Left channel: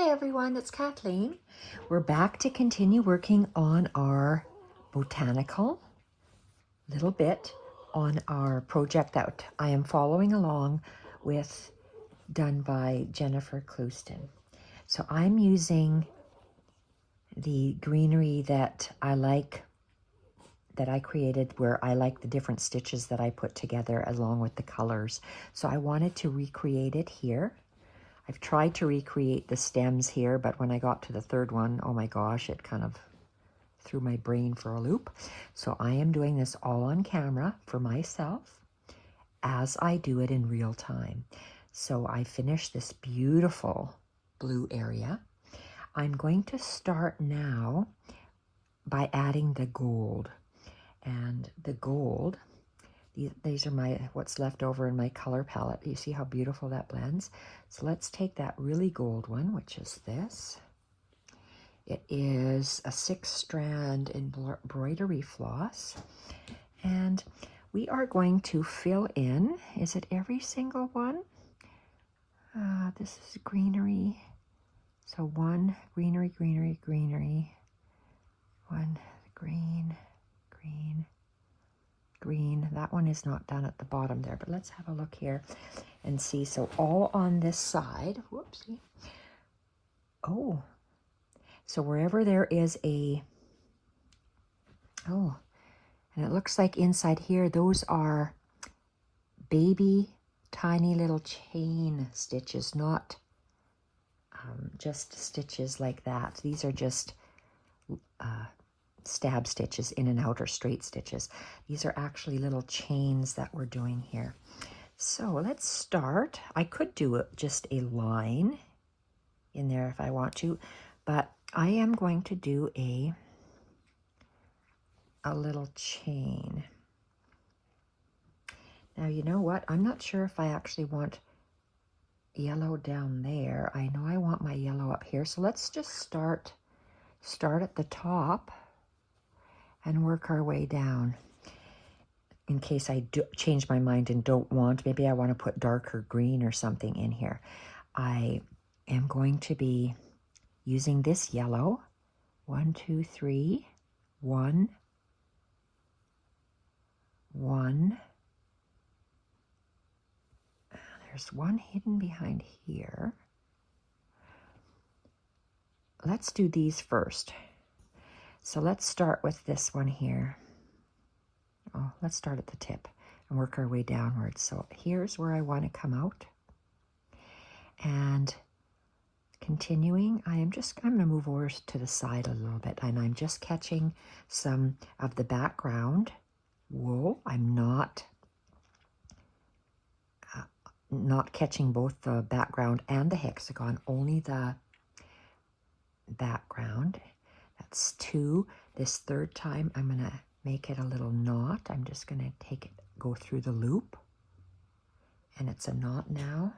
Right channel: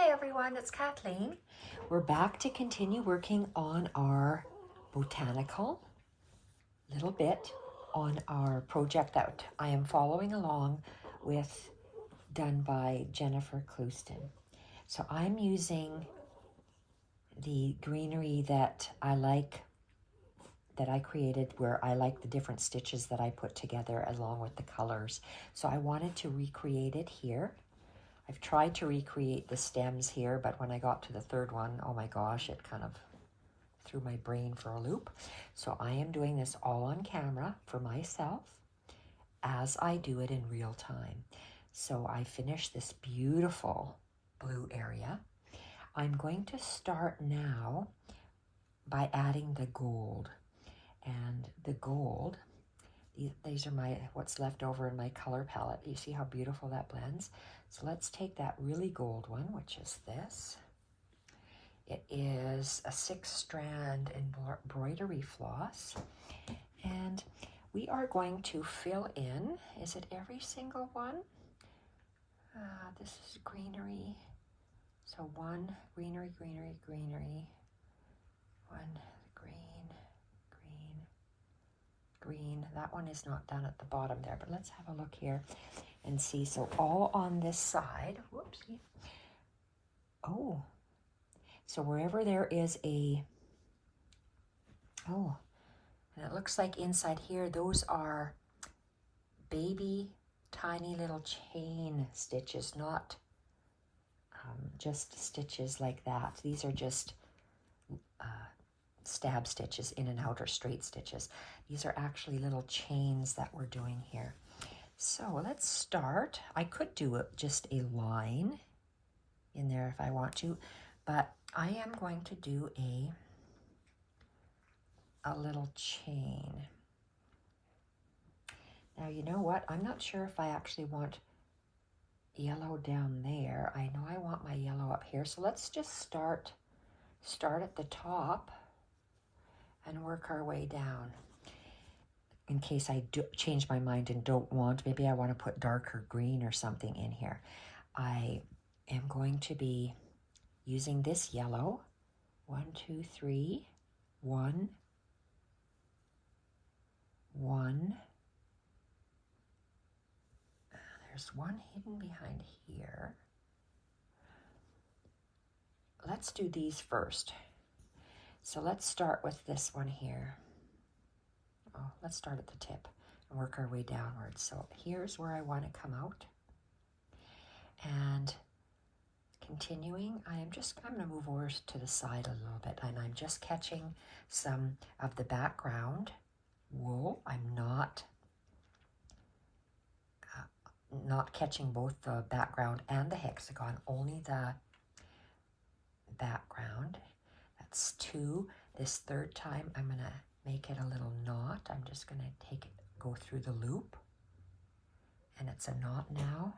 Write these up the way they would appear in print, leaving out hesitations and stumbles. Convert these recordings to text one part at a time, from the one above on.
Hi everyone, it's Kathleen. We're back to continue working on our botanical little bit on our project that I am following along with, done by Jennifer Clouston. So I'm using the greenery that I like, that I created, where I like the different stitches that I put together along with the colors. So I wanted to recreate it here. I've tried to recreate the stems here, but when I got to the third one, oh my gosh, it kind of threw my brain for a loop. So I am doing this all on camera for myself as I do it in real time. So I finished this beautiful blue area. I'm going to start now by adding the gold. And the gold, these are what's left over in my color palette. You see how beautiful that blends? So let's take that really gold one, which is this. It is a 6-strand embroidery floss. And we are going to fill in, is it every single one? This is greenery. So one, greenery, greenery, greenery. One, green, green, green. That one is not done at the bottom there, but let's have a look here and see. So all on this side, whoopsie. Oh, so wherever there is a, oh, and it looks like inside here, those are baby tiny little chain stitches, not just stitches like that. These are just stab stitches in and out, or straight stitches. These are actually little chains that we're doing here. So let's start. I could do just a line in there if I want to, but I am going to do a little chain. Now, you know what? I'm not sure if I actually want yellow down there. I know I want my yellow up here. So let's just start at the top and work our way down. In case I do change my mind and don't want, maybe I want to put darker green or something in here. I am going to be using this yellow. 1, 2, 3, 1, 1. There's one hidden behind here. Let's do these first. So let's start with this one here. Oh, let's start at the tip and work our way downwards. So here's where I want to come out. And continuing, I'm going to move over to the side a little bit, and I'm just catching some of the background wool. I'm not catching both the background and the hexagon, only the background. That's 2. This third time, I'm going to make it a little knot. I'm just going to go through the loop, and it's a knot now.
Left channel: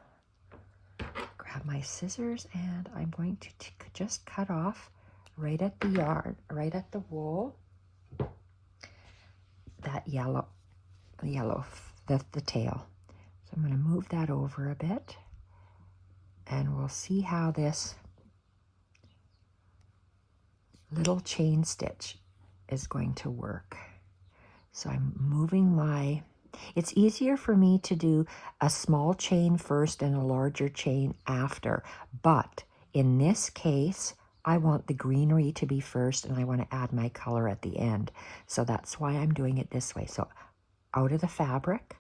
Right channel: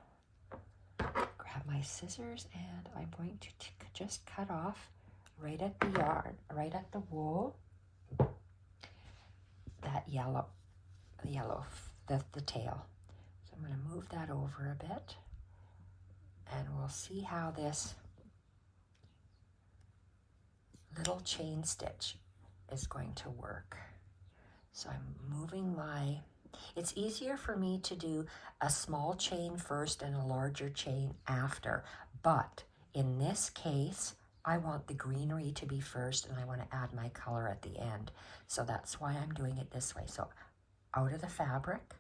Grab my scissors, and I'm going to just cut off right at the yarn, right at the wool, that yellow, the tail. So I'm going to move that over a bit, and we'll see how this little chain stitch is going to work. So I'm moving it's easier for me to do a small chain first and a larger chain after, but in this case, I want the greenery to be first, and I want to add my color at the end. So that's why I'm doing it this way. So out of the fabric,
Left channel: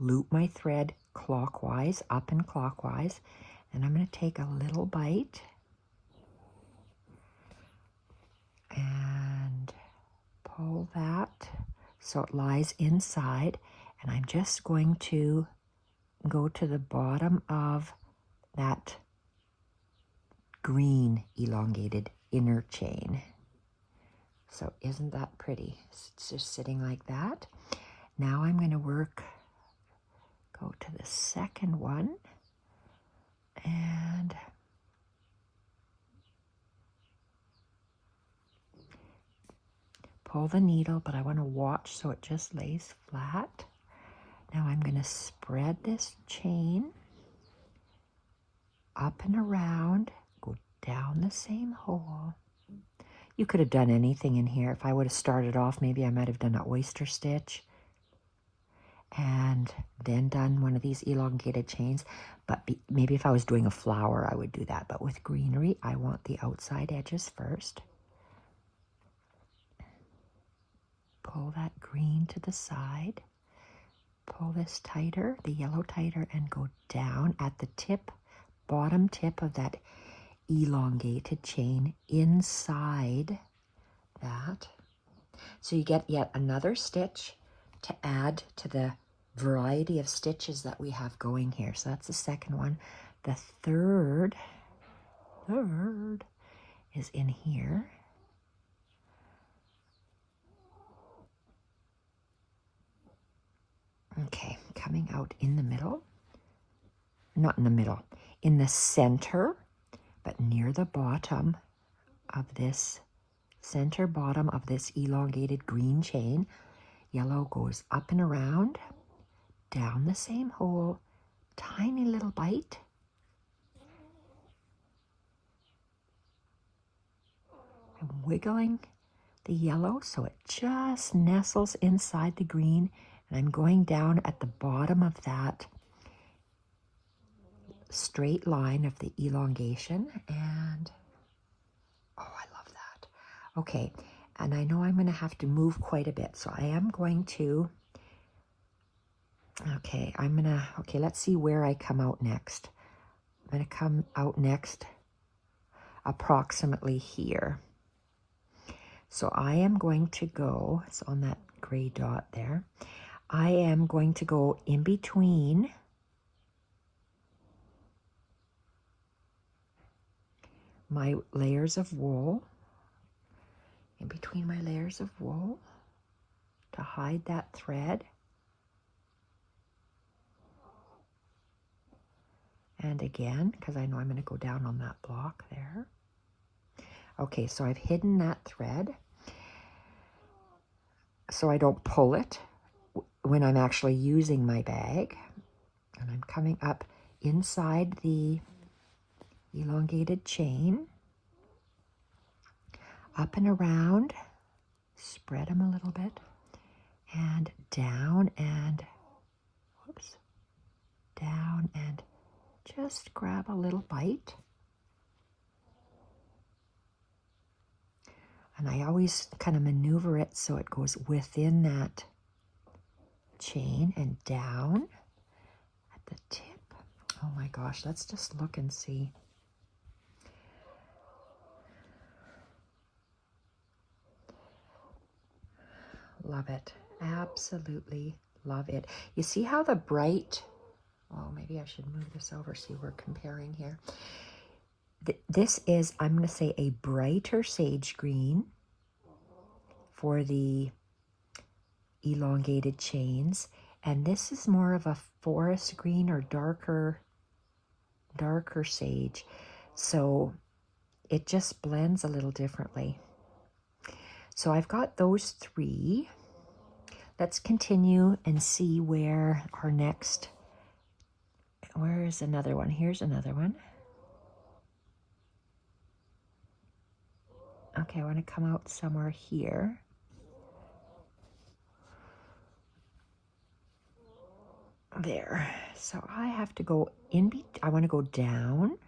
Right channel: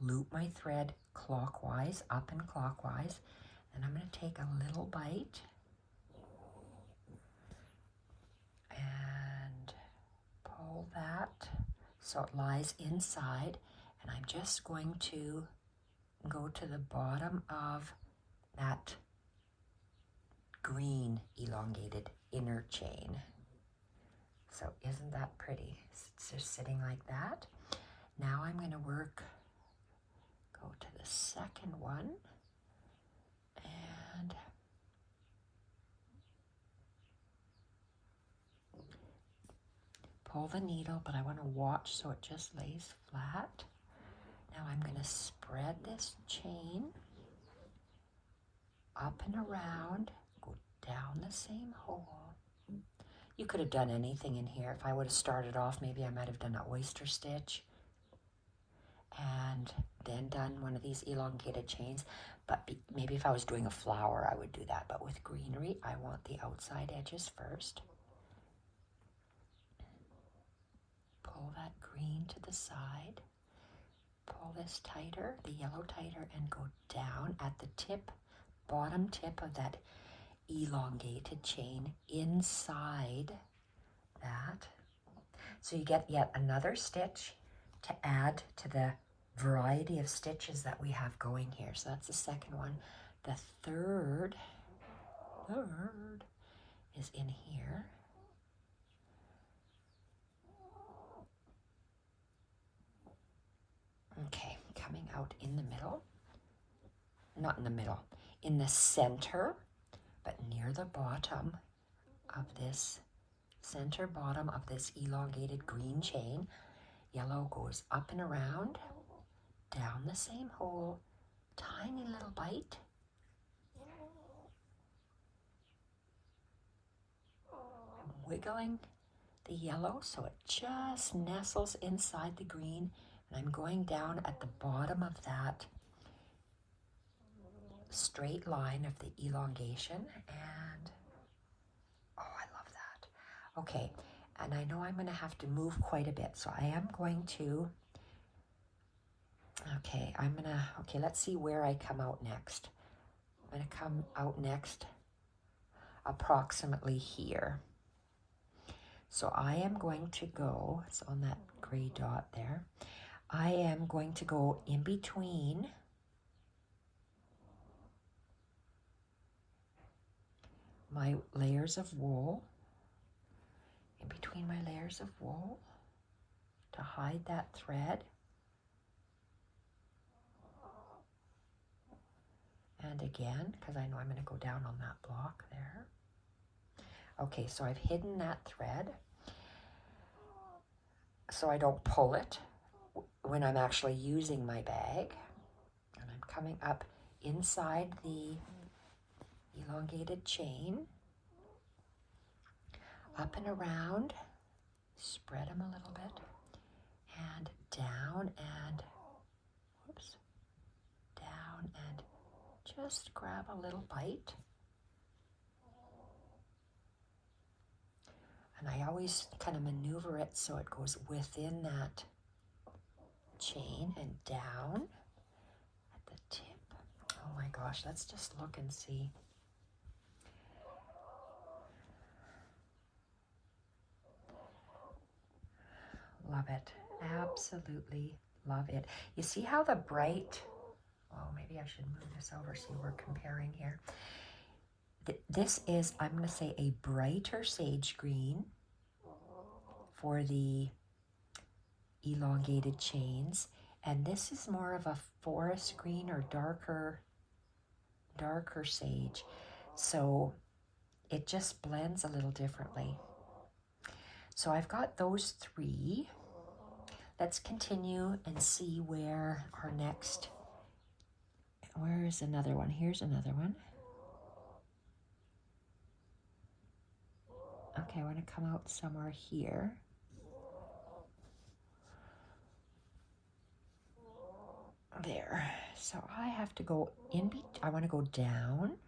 loop my thread clockwise, up and clockwise, and I'm going to take a little bite and pull that so it lies inside, and I'm just going to go to the bottom of that green elongated inner chain. So isn't that pretty? It's just sitting like that. Now I'm going to go to the second one, and pull the needle, but I want to watch so it just lays flat. Now I'm going to spread this chain up and around, go down the same hole. You could have done anything in here. If I would have started off, maybe I might have done an oyster stitch and then done one of these elongated chains. But maybe if I was doing a flower, I would do that. But with greenery, I want the outside edges first. Pull that green to the side. Pull this tighter, the yellow tighter, and go down at the tip, bottom tip of that elongated chain inside that. So you get yet another stitch to add to the variety of stitches that we have going here. So that's the second one. The third is in here. Okay, coming out in the middle. Not in the middle, in the center, but near the bottom of this center bottom of this elongated green chain. Yellow goes up and around, down the same hole, tiny little bite. I'm wiggling the yellow so it just nestles inside the green, and I'm going down at the bottom of that straight line of the elongation, and oh, I love that. Okay, and I know I'm going to have to move quite a bit, so I am going to, okay, let's see where I come out next. I'm going to come out next approximately here. So I am going to go, it's on that gray dot there, I am going to go in between my layers of wool, in between my layers of wool, to hide that thread. And again, because I know I'm going to go down on that block there. Okay, so I've hidden that thread so I don't pull it when I'm actually using my bag. And I'm coming up inside the elongated chain, up and around, spread them a little bit, and down and, whoops, down and just grab a little bite. And I always kind of maneuver it so it goes within that chain and down at the tip. Oh my gosh, let's just look and see. Love it. Absolutely love it. You see how the bright, well, maybe I should move this over so we're comparing here. This is, I'm going to say, a brighter sage green for the elongated chains. And this is more of a forest green or darker sage. So it just blends a little differently. So I've got those three. Let's continue and see where our next, where is another one? Here's another one. Okay, I want to come out somewhere here. There. So I have to go in, I want to go down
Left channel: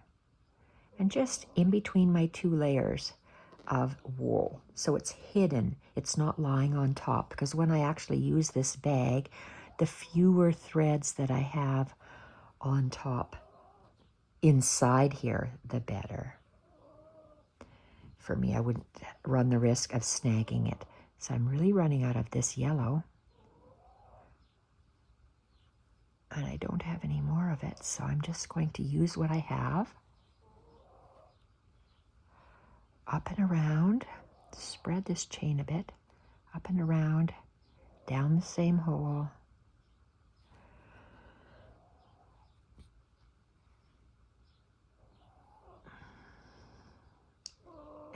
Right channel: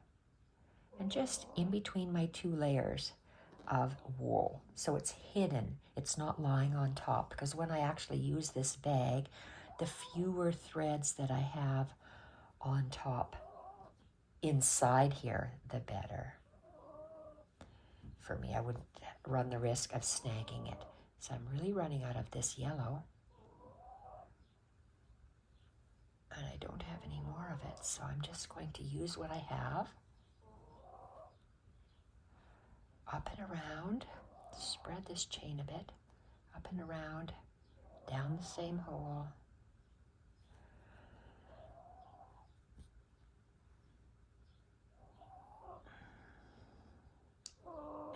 and just in between my two layers of wool. So it's hidden. It's not lying on top, because when I actually use this bag, the fewer threads that I have on top inside here, the better. For me, I wouldn't run the risk of snagging it. So I'm really running out of this yellow. And I don't have any more of it, so I'm just going to use what I have. Up and around, spread this chain a bit, up and around, down the same hole.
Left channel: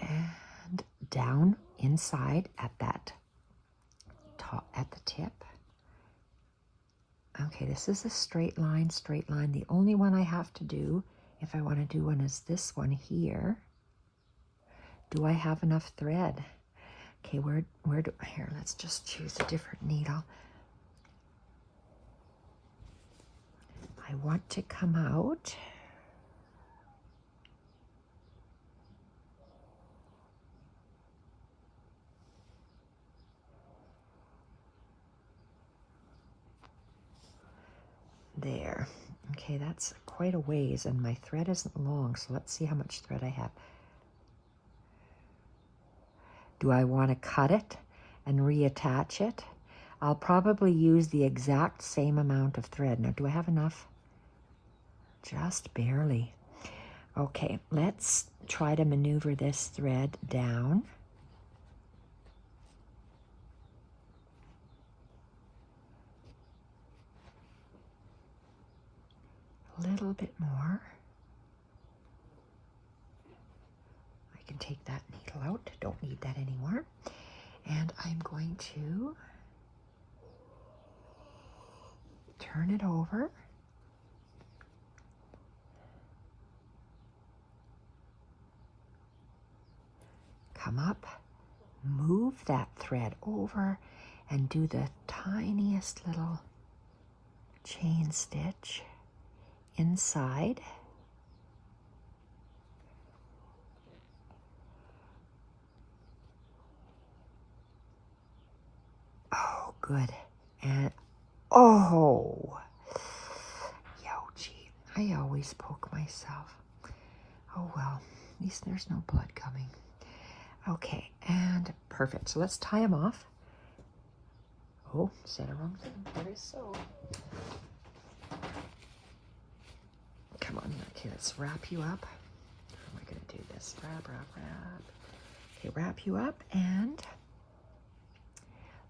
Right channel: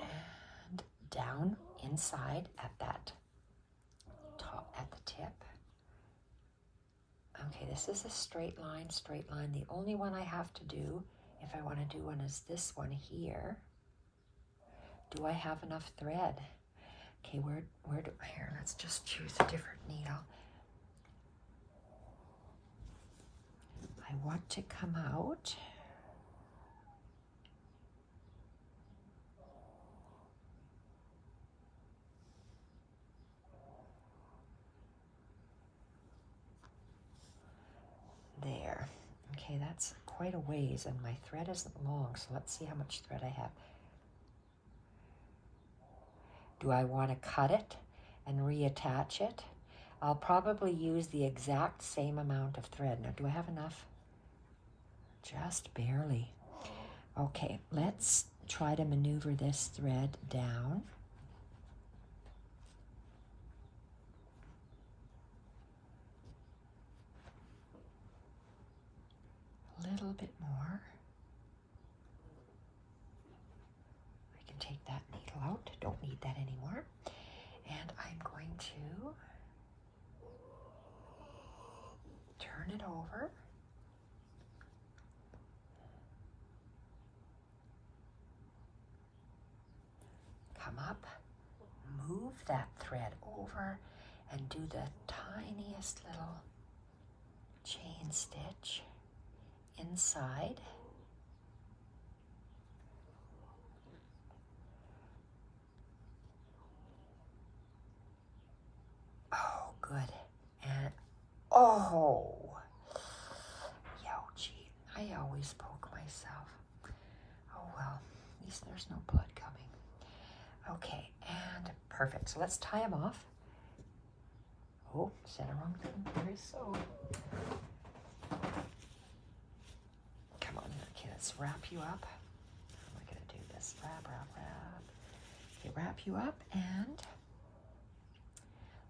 And down inside at that top, at the tip. Okay, this is a straight line, straight line. The only one I have to do, if I want to do one, is this one here. Do I have enough thread? Okay, where do, here, let's just choose a different needle. I want to come out. There. Okay, that's quite a ways, and my thread isn't long, so let's see how much thread I have. Do I want to cut it and reattach it? I'll probably use the exact same amount of thread. Now, do I have enough? Just barely. Okay, let's try to maneuver this thread down. A little bit more. I can take that needle out. Don't need that anymore. And I'm going to turn it over. Come up, move that thread over, and do the tiniest little chain stitch inside. Oh, good. And oh, youchie, I always poke myself. Oh well, at least there's no blood coming. Okay, and perfect. So let's tie them off. Oh, said a wrong thing. Very so. Come on. Okay, let's wrap you up. We're going to do this. Wrap, wrap, wrap. Okay, wrap you up, and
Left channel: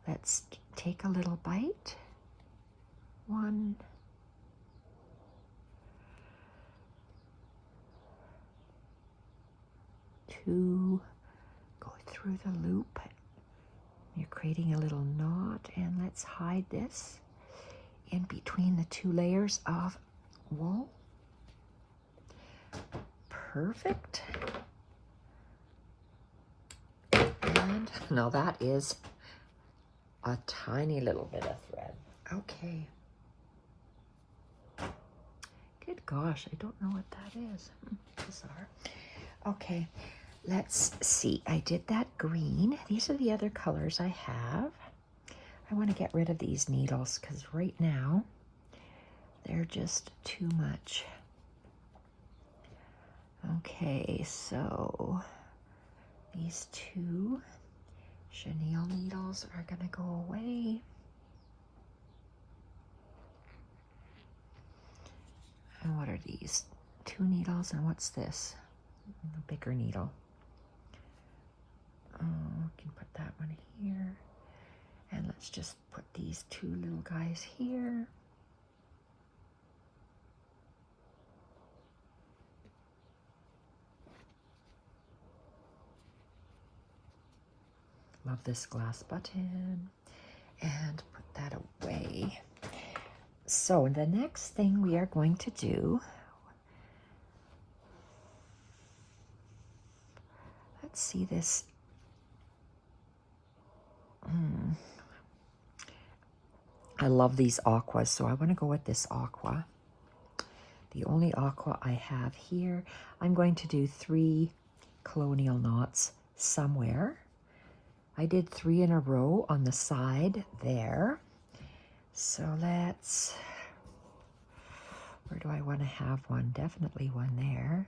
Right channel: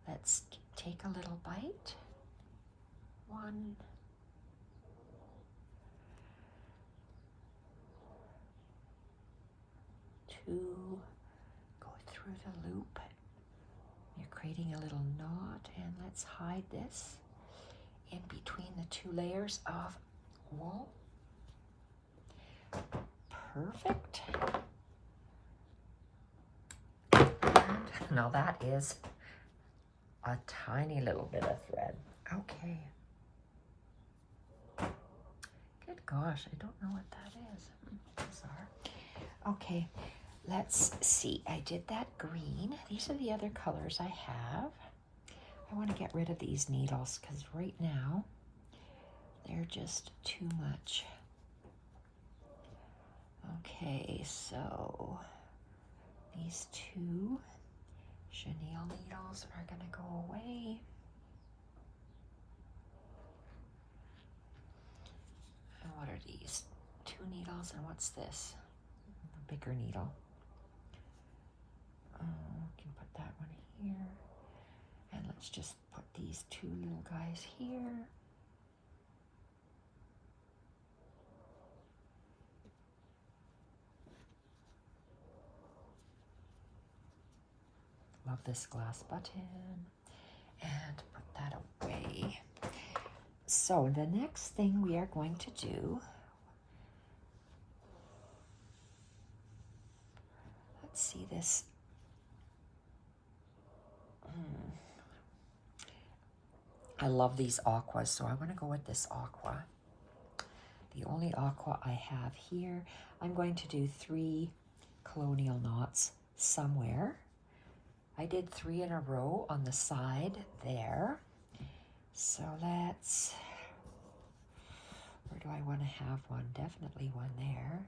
let's take a little bite. 1, 2, go through the loop. You're creating a little knot, and let's hide this in between the 2 layers of wool. Perfect. And now that is a tiny little bit of thread. Okay. Good gosh, I don't know what that is. Bizarre. Okay, let's see. I did that green. These are the other colors I have. I want to get rid of these needles because right now they're just too much. Okay, so these 2 chenille needles are going to go away. And what are these? 2 needles, and what's this? A bigger needle. Oh, I can put that one here. And let's just put these 2 little guys here. Love this glass button. And put that away. So the next thing we are going to do, let's see this. I love these aquas, so I want to go with this aqua. The only aqua I have here. I'm going to do 3 colonial knots somewhere. I did 3 in a row on the side there. So let's, where do I want to have one? Definitely one there.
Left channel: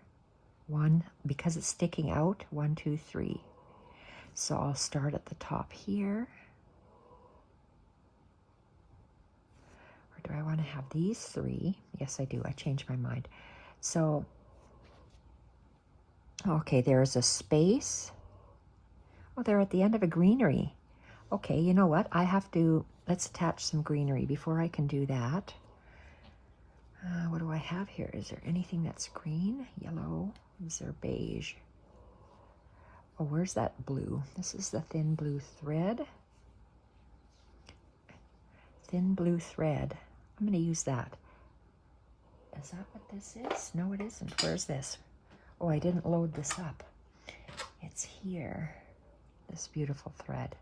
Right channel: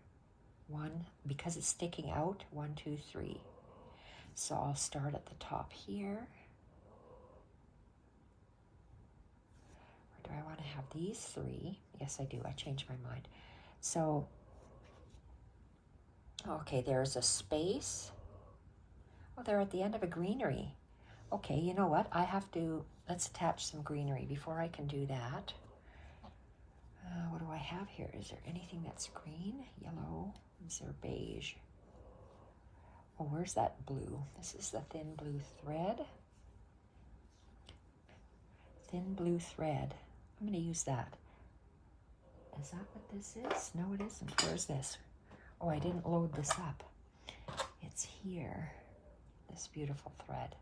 1, because it's sticking out, 1, 2, 3. So I'll start at the top here. Or do I want to have these 3? Yes, I do. I changed my mind. So, okay, there's a space. Oh, they're at the end of a greenery. Okay, you know what? I have to, let's attach some greenery before I can do that. What do I have here? Is there anything that's green? Yellow? Is there beige? Oh, where's that blue? This is the thin blue thread. Thin blue thread. I'm going to use that. Is that what this is? No, it isn't. Where's this? Oh, I didn't load this up. It's here, this beautiful thread.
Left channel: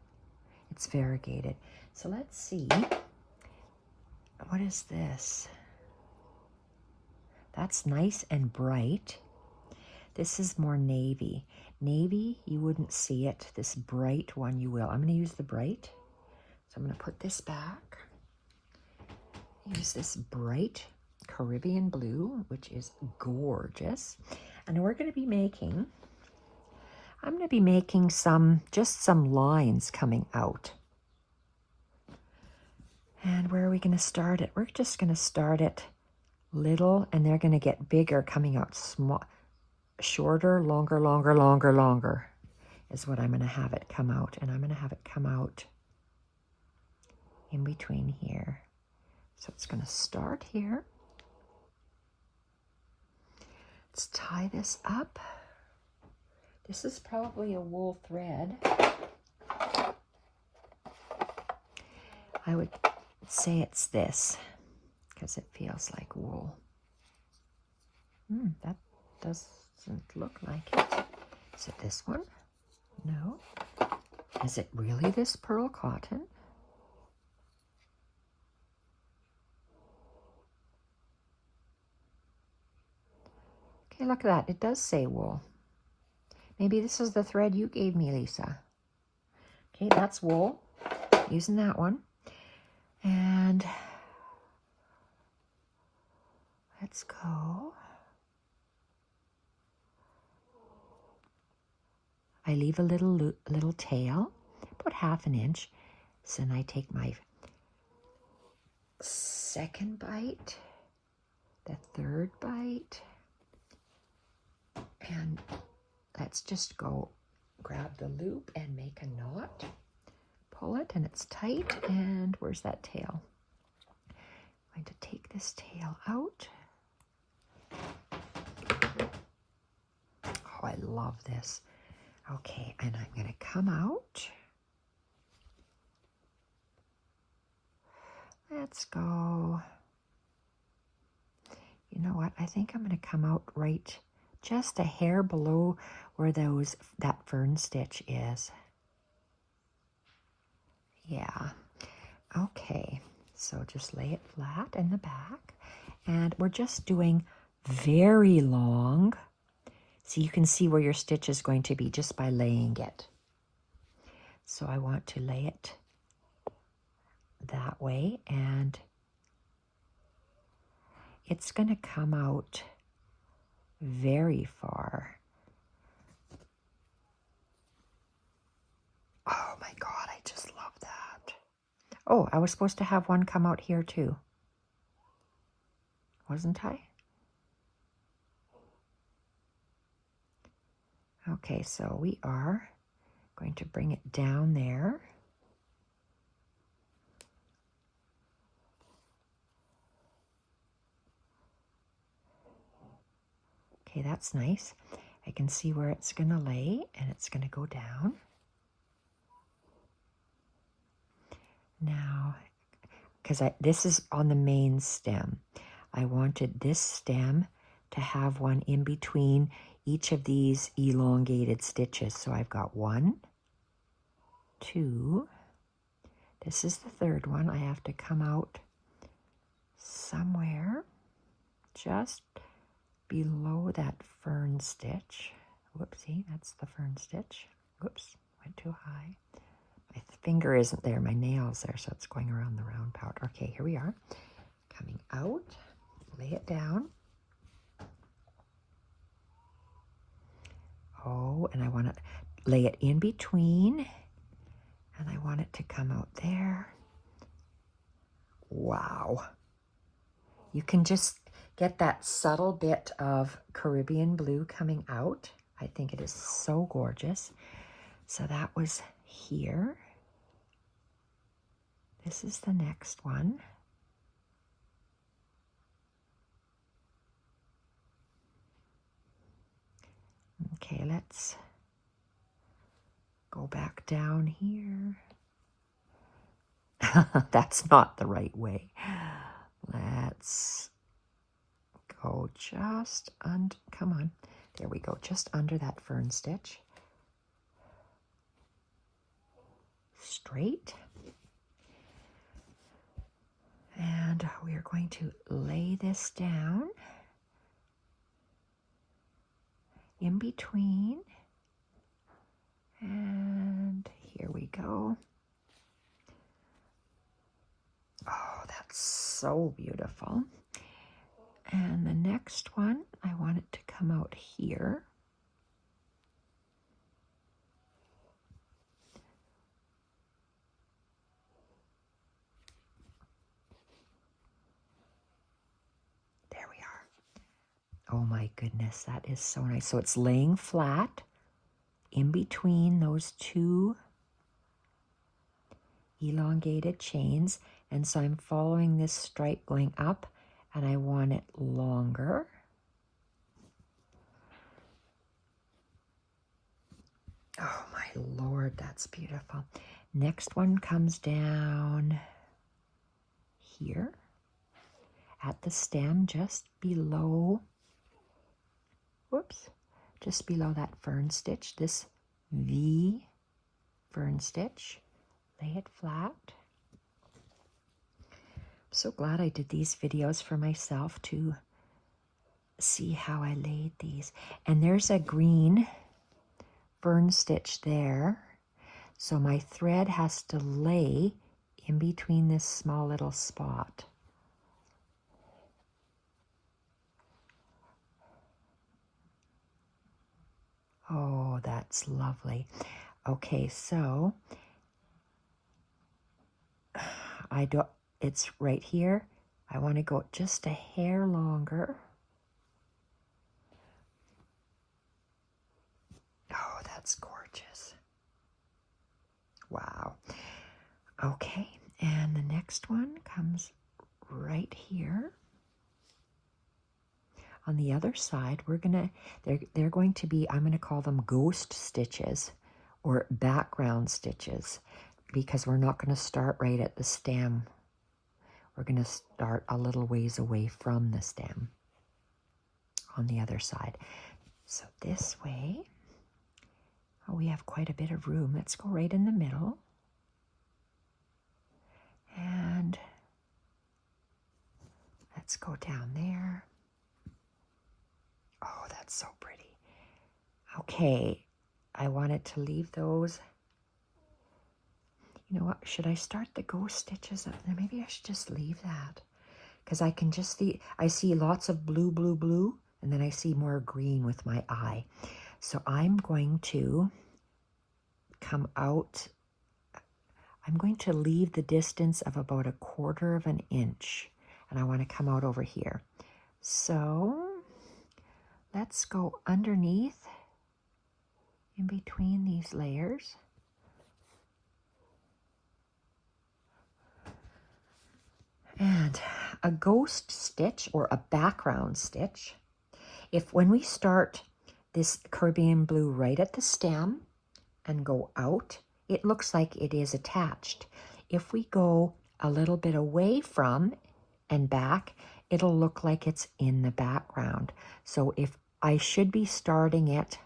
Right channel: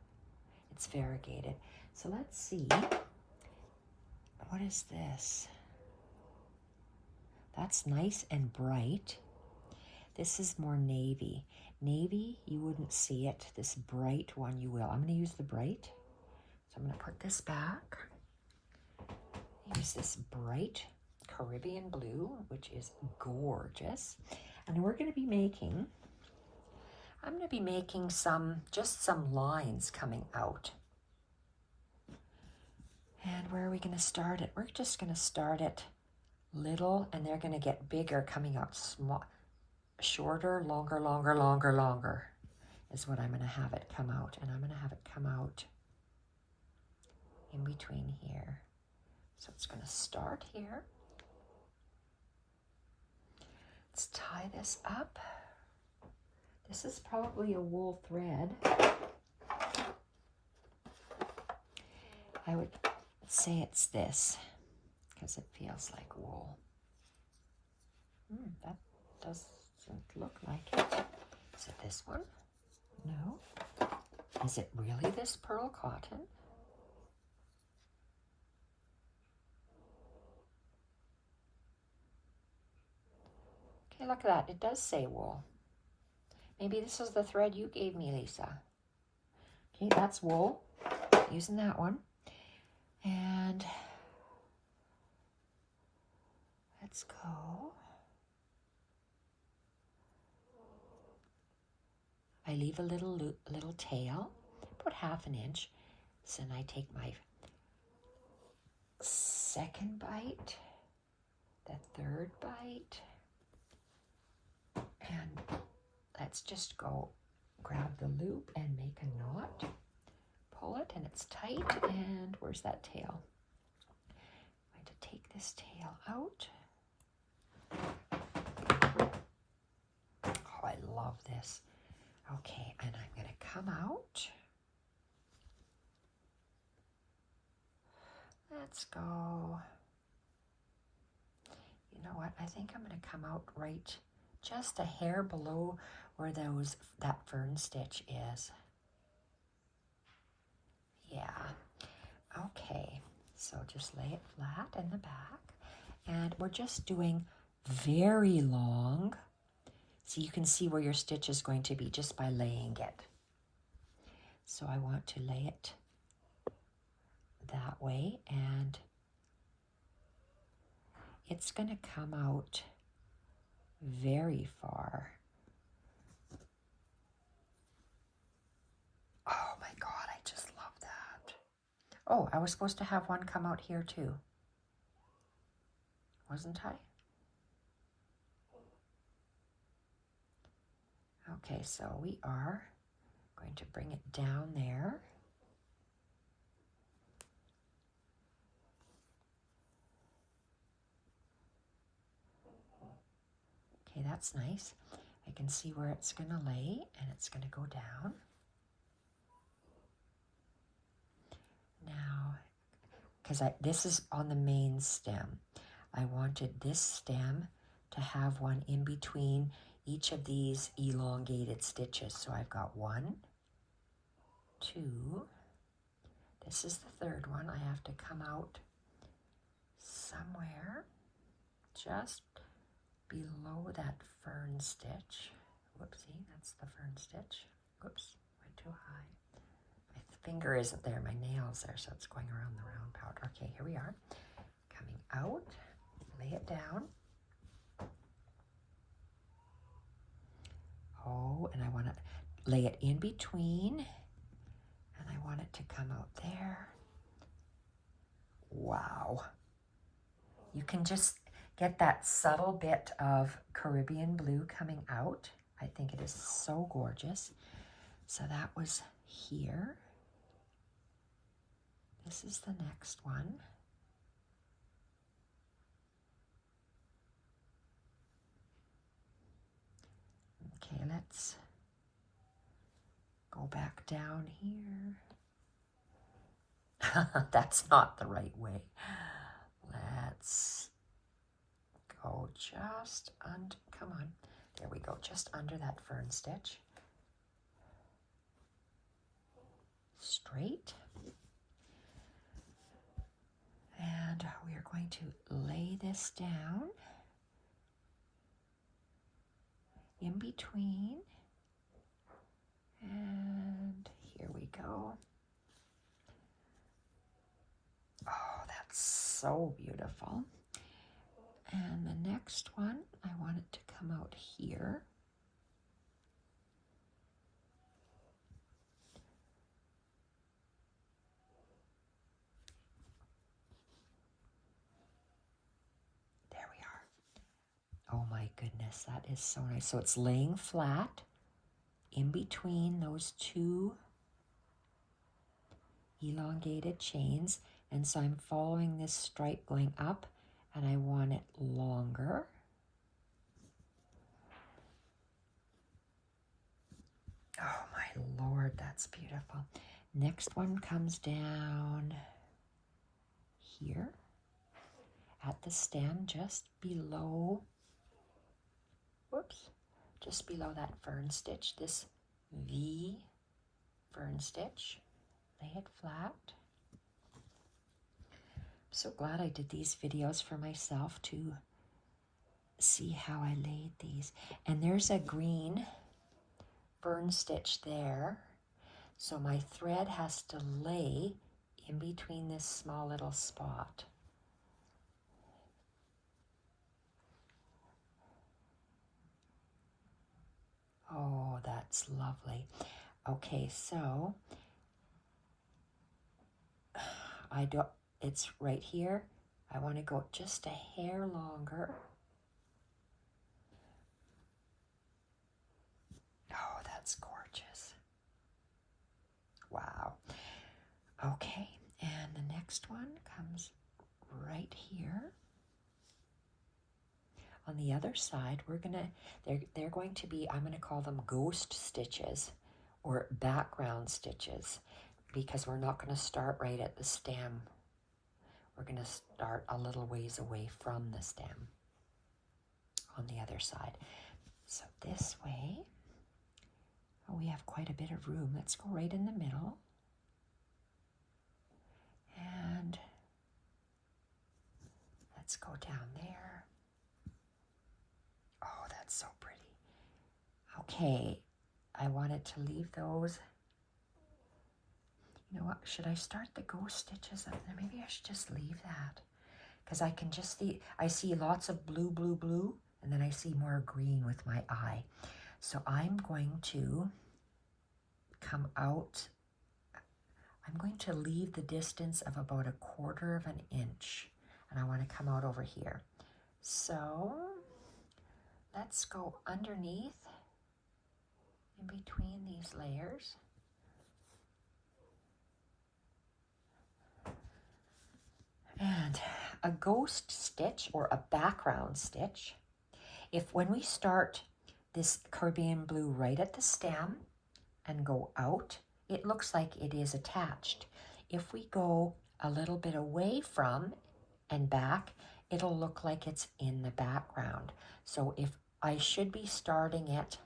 It's variegated. So let's see, what is this? That's nice and bright. This is more navy. Navy, you wouldn't see it. This bright one, you will. I'm going to use the bright. So I'm going to put this back. Use this bright Caribbean blue, which is gorgeous. And we're going to be making, I'm going to be making just some lines coming out. And where are we going to start it? We're just going to start it little, and they're going to get bigger, coming out small, shorter, longer, longer, longer, longer is what I'm going to have it come out. And I'm going to have it come out in between here. So it's going to start here. Let's tie this up. This is probably a wool thread. I would say it's this because it feels like wool. That doesn't look like it. Is it this one? No. Is it really this pearl cotton? Okay, look at that. It does say wool. Maybe this is the thread you gave me, Lisa. Okay, that's wool. Using that one. And let's go. I leave a little tail, about 1/2 inch. So then I take my second bite, the third bite, and let's just go grab the loop and make a knot. Pull it and it's tight. And where's that tail? I'm going to take this tail out. Oh, I love this. Okay, and I'm going to come out. Let's go. You know what? I think I'm going to come out right just a hair below where that fern stitch is. Yeah. Okay. So just lay it flat in the back. And we're just doing very long. So you can see where your stitch is going to be just by laying it. So I want to lay it that way, and it's going to come out very far. Oh my God, I just love that. Oh, I was supposed to have one come out here too. Wasn't I? Okay, so we are going to bring it down there. Okay, that's nice. I can see where it's going to lay, and it's going to go down. Now, because this is on the main stem, I wanted this stem to have one in between each of these elongated stitches. So I've got 1, 2, this is the third one. I have to come out somewhere just below that fern stitch. Whoopsie, that's the fern stitch. Whoops, went too high. My finger isn't there, my nail's there, so it's going around the round pouch. Okay, here we are. Coming out, lay it down. Oh, and I want to lay it in between, and I want it to come out there. Wow. You can just get that subtle bit of Caribbean blue coming out. I think it is so gorgeous. So that was here. This is the next one. Okay, let's go back down here. That's not the right way. Let's go just under, come on. There we go, just under that fern stitch. straight. And we are going to lay this down in between. And here we go. Oh, that's so beautiful. And the next one, I want it to come out here. There we are. Oh my goodness, that is so nice. So it's laying flat in between those two elongated chains. And so I'm following this stripe going up, and I want it longer. Oh my Lord, that's beautiful. Next one comes down here at the stem, just below, whoops, just below that fern stitch, this V fern stitch. Lay it flat. I'm so glad I did these videos for myself to see how I laid these. And there's a green fern stitch there. So my thread has to lay in between this small little spot. Oh, that's lovely. Okay, so it's right here. I want to go just a hair longer. Oh, that's gorgeous. Wow. Okay, and the next one comes right here. On the other side, they're going to be, I'm going to call them ghost stitches or background stitches, because we're not going to start right at the stem. We're going to start a little ways away from the stem on the other side. So this way, oh, we have quite a bit of room. Let's go right in the middle. And let's go down there. Oh, that's so pretty. Okay, I wanted to leave those. You know what, should I start the ghost stitches up there? Maybe I should just leave that, because I can just see, I see lots of blue, blue, blue, and then I see more green with my eye. So I'm going to come out, I'm going to leave the distance of about 1/4 of an inch, and I want to come out over here. So let's go underneath in between these layers. And a ghost stitch or a background stitch, when we start this Caribbean blue right at the stem and go out, it looks like it is attached. If we go a little bit away from and back, it'll look like it's in the background. So if I should be starting it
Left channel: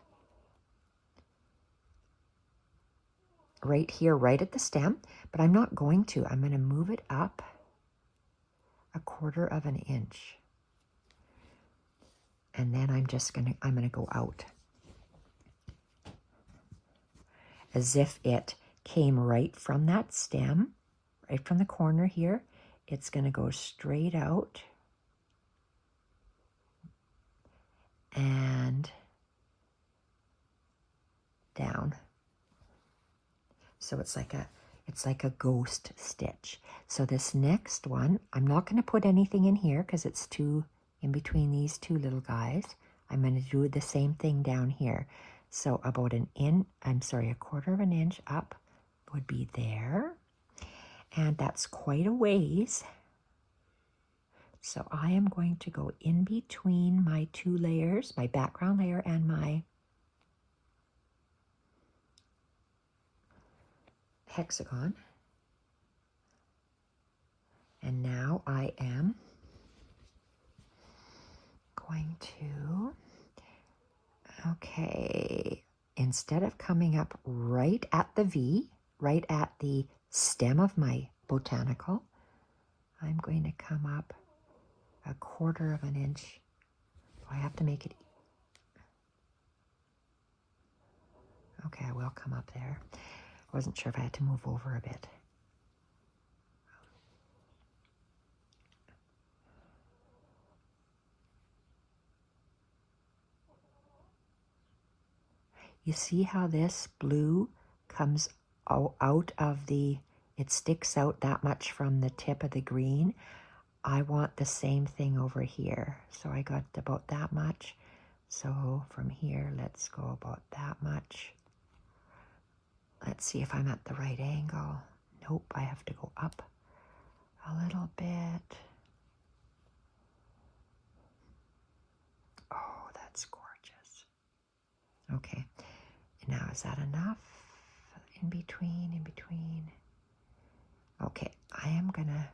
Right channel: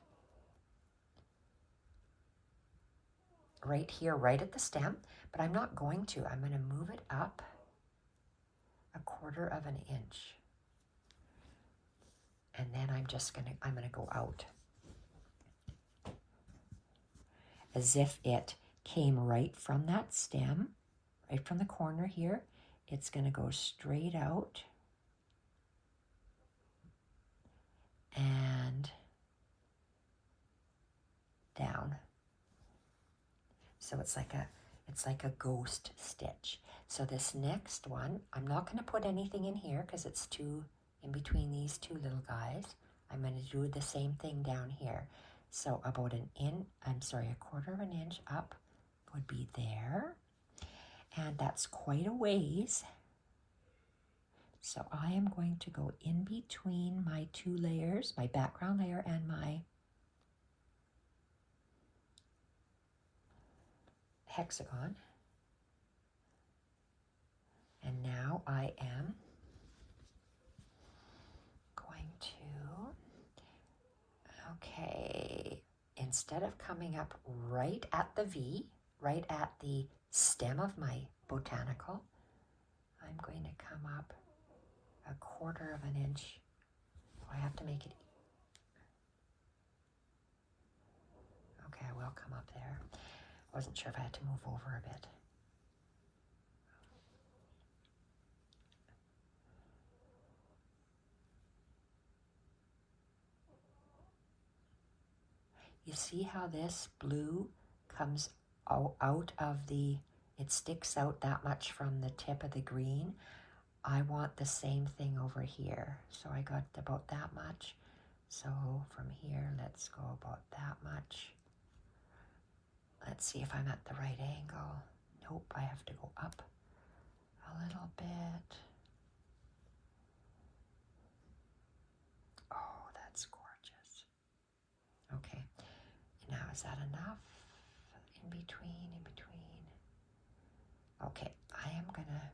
right here, right at the stem, but I'm not going to. I'm going to move it up 1/4 of an inch. And then I'm going to go out. As if it came right from that stem, right from the corner here. It's going to go straight out and down. So it's like a ghost stitch. So this next one, I'm not going to put anything in here because it's too in between these two little guys. I'm going to do the same thing down here. So about 1/4 of an inch up would be there. And that's quite a ways. So I am going to go in between my two layers, my background layer and my hexagon. And now I am going to, okay, instead of coming up right at the V, right at the stem of my botanical. I'm going to come up 1/4 of an inch. I have to make it. Okay, I will come up there. I wasn't sure if I had to move over a bit. You see how this blue comes out of the, it sticks out that much from the tip of the green. I want the same thing over here. So I got about that much. So from here, let's go about that much. Let's see if I'm at the right angle. Nope, I have to go up a little bit. Oh, that's gorgeous. Okay, and now is that enough? In between, in between. Okay, I am gonna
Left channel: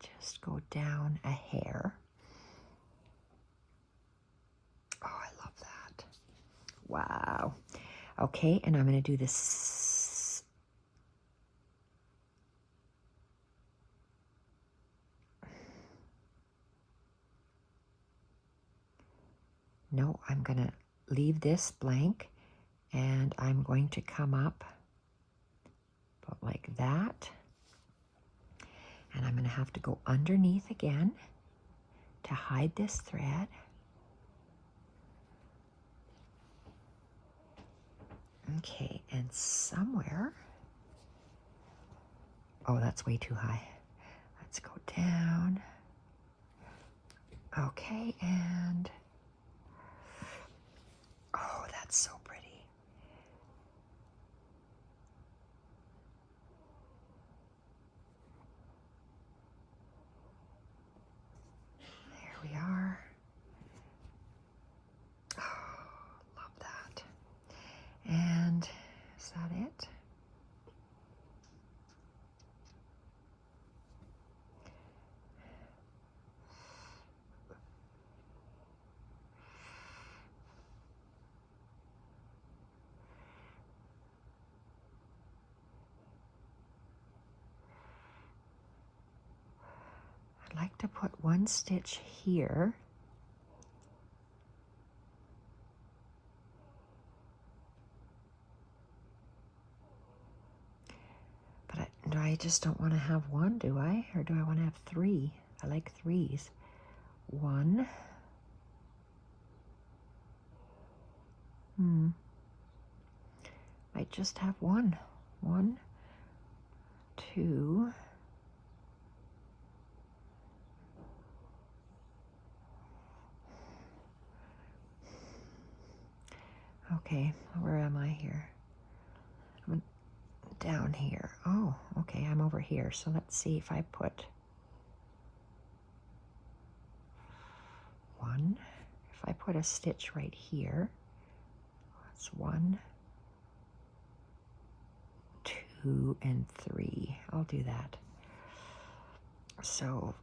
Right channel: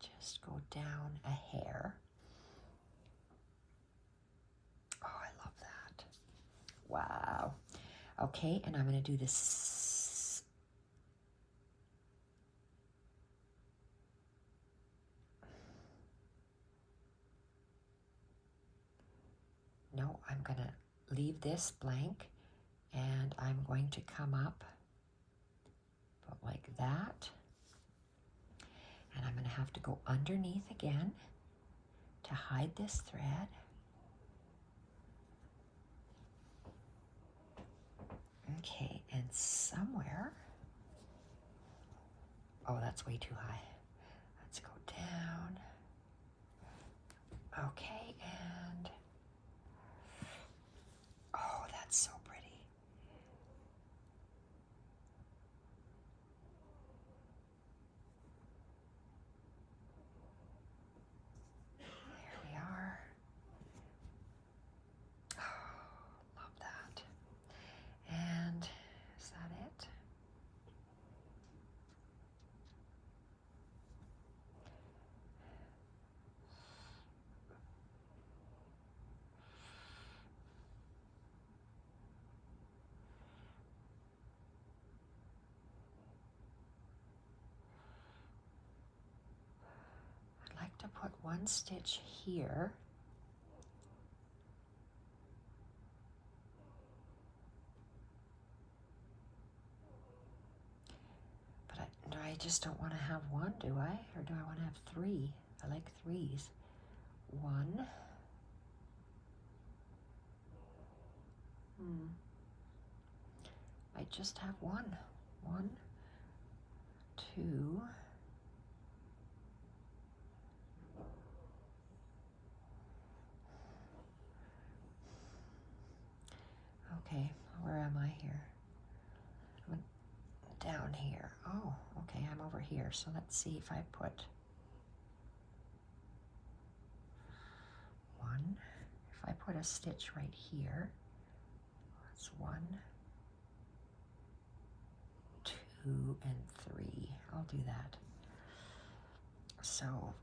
just go down a hair. Oh, I love that. Wow. Okay, and I'm gonna do this. No, I'm gonna leave this blank and I'm going to come up about like that. And I'm gonna have to go underneath again to hide this thread. Okay, and somewhere, oh, that's way too high. Let's go down. Okay, and oh, that's so pretty. There we are. Oh, love that. And is that it? I'd like to put one stitch here. But I just don't want to have one, do I? Or do I want to have 3? I like 3s. 1. Might just have 1. 1, 2. Okay, where am I here? I'm down here. Oh, okay, I'm over here. So let's see if I put 1. If I put a stitch right here, that's 1, 2, and 3. I'll do that. So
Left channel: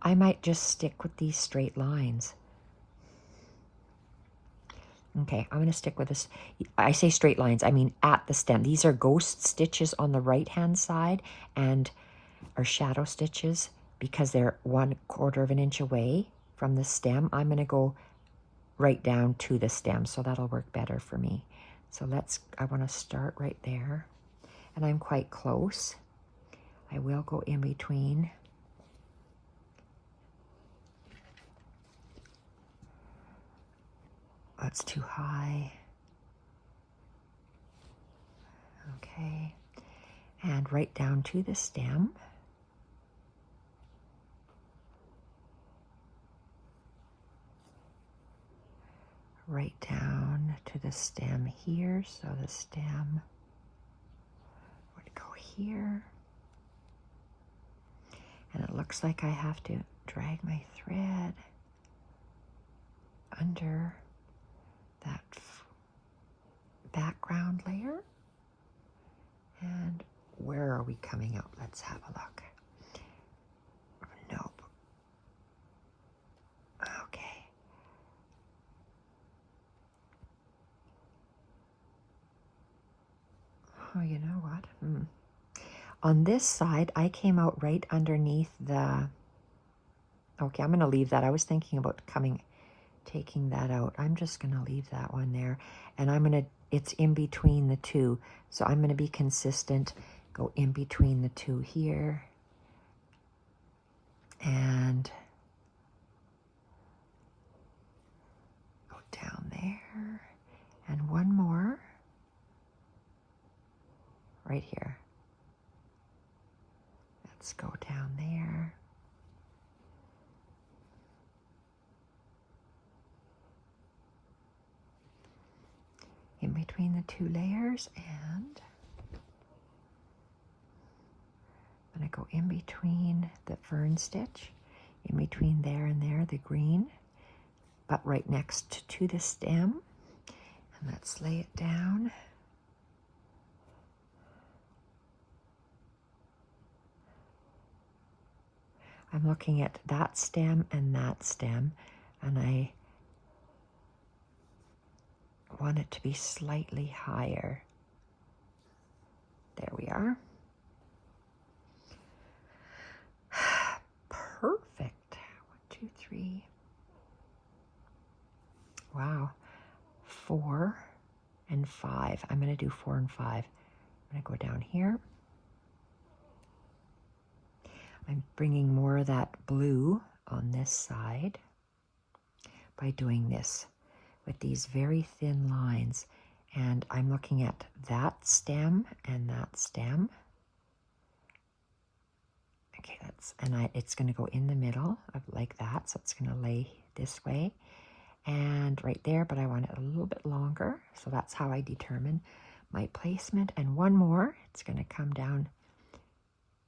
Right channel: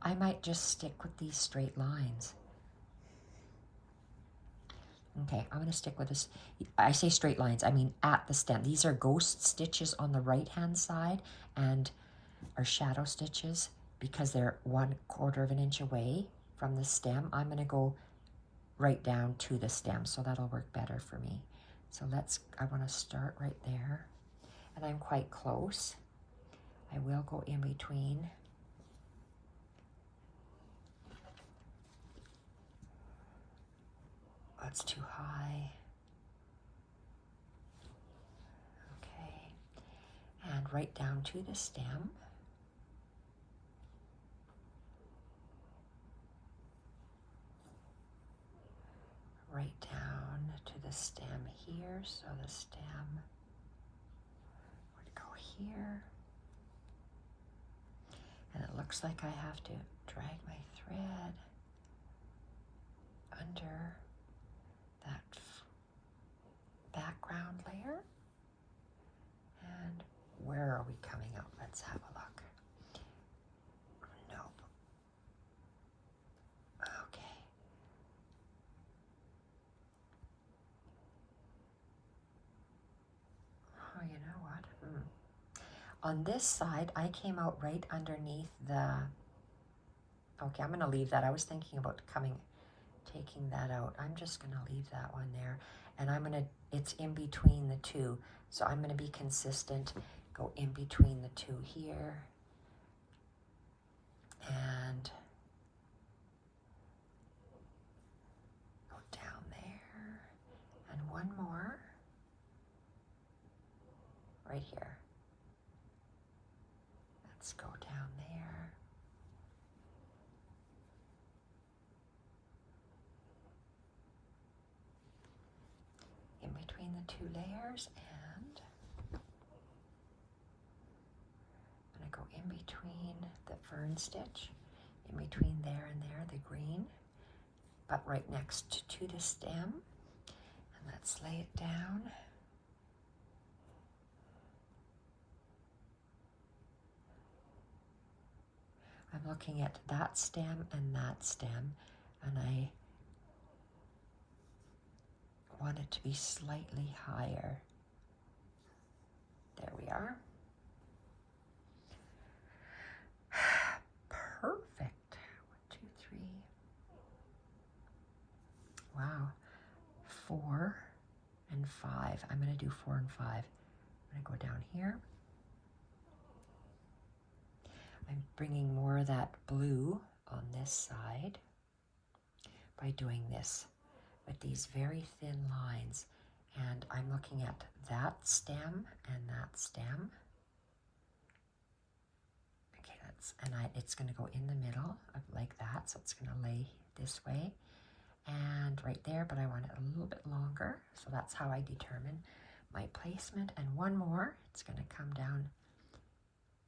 I might just stick with these straight lines. Okay, I'm going to stick with this. I say straight lines, I mean at the stem. These are ghost stitches on the right-hand side and are shadow stitches because they're 1/4 of an inch away from the stem. I'm going to go right down to the stem, so that'll work better for me. So I want to start right there, and I'm quite close. I will go in between. That's too high. Okay, and right down to the stem. Right down to the stem here, so the stem would go here. And it looks like I have to drag my thread under that background layer. And where are we coming up? Let's have a look. Nope. you know what? On this side, I came out right underneath the... Okay, I'm going to leave that. I was thinking about taking that out. I'm just going to leave that one there. And I'm going to, it's in between the two. So I'm going to be consistent, go in between the two here. And go down there. And one more right here. Let's go down there. In between the two layers, and I'm going to go in between the fern stitch, in between there and there, the green, but right next to the stem. And let's lay it down. I'm looking at that stem, and I want it to be slightly higher. There we are. Perfect. 1, 2, 3. Wow. 4 and 5. I'm going to do 4 and 5. I'm going to go down here. I'm bringing more of that blue on this side by doing this with these very thin lines. And I'm looking at that stem and that stem. Okay, it's going to go in the middle of like that. So it's going to lay this way and right there, but I want it a little bit longer. So that's how I determine my placement. And one more, it's going to come down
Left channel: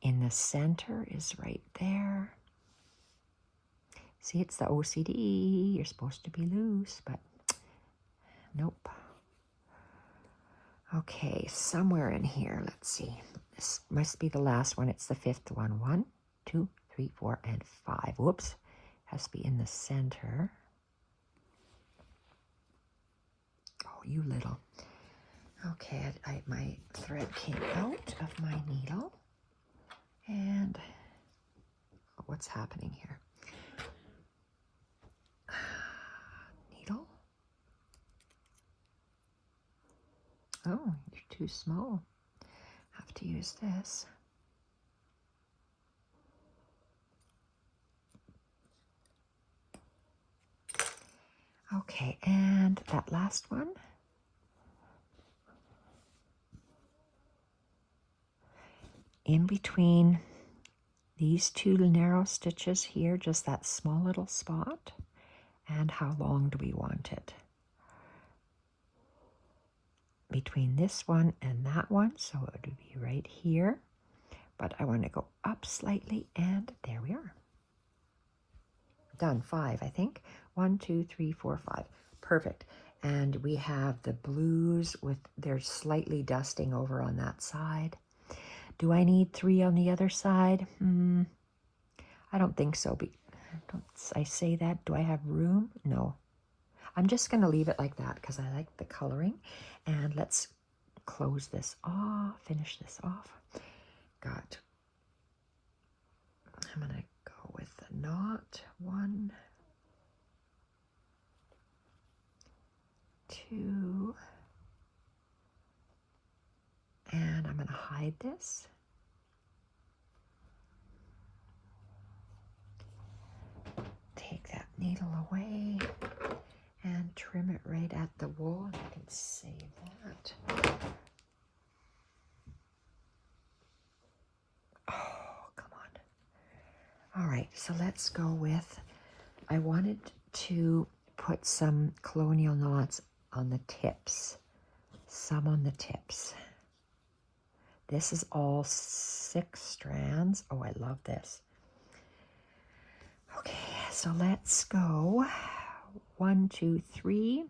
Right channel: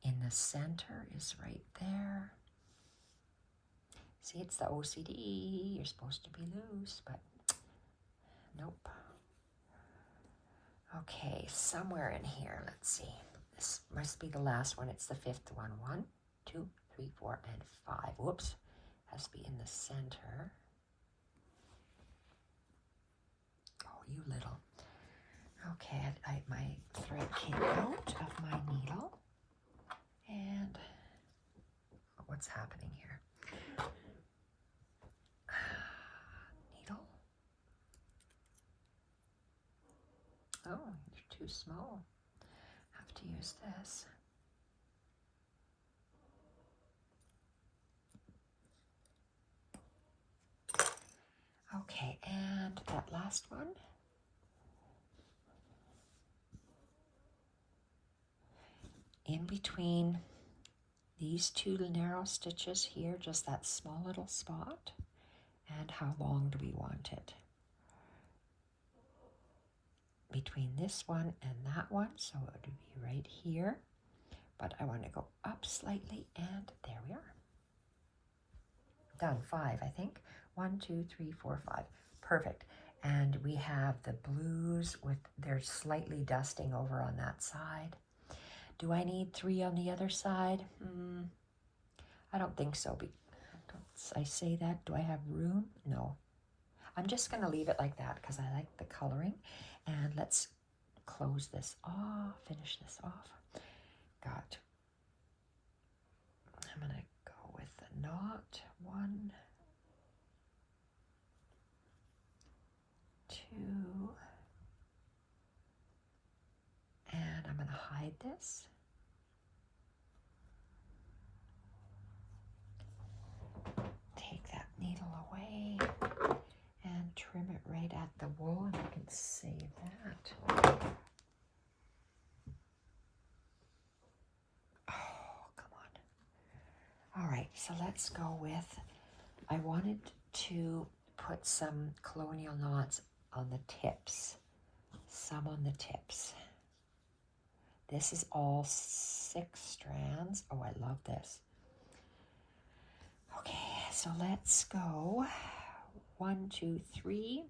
in the center is right there. See, it's the OCD. You're supposed to be loose, but nope. Okay, somewhere in here, let's see. This must be the last one. It's the 5th one. 1, 2, 3, 4, and 5. Whoops. Has to be in the center. Oh, you little. Okay, my thread came out of my needle. And what's happening here? Needle. Oh, you're too small. Have to use this. Okay, and that last one. In between these two narrow stitches here, just that small little spot. And how long do we want it? Between this one and that one, so it would be right here. But I want to go up slightly, and there we are. Done. 5, I think. 1, 2, 3, 4, 5. Perfect. And we have the blues with, they're slightly dusting over on that side. Do I need 3 on the other side? I don't think so. Don't I say that? Do I have room? No. I'm just going to leave it like that because I like the coloring. And let's close this off, finish this off. I'm going to go with the knot. 1, 2, and I'm going to hide this. Take that needle away and trim it right at the wool, and I can save that. Oh, come on. All right, so let's go with, I wanted to put some colonial knots on the tips, some on the tips. This is all 6 strands. Oh, I love this. Okay, so let's go 1, 2, 3.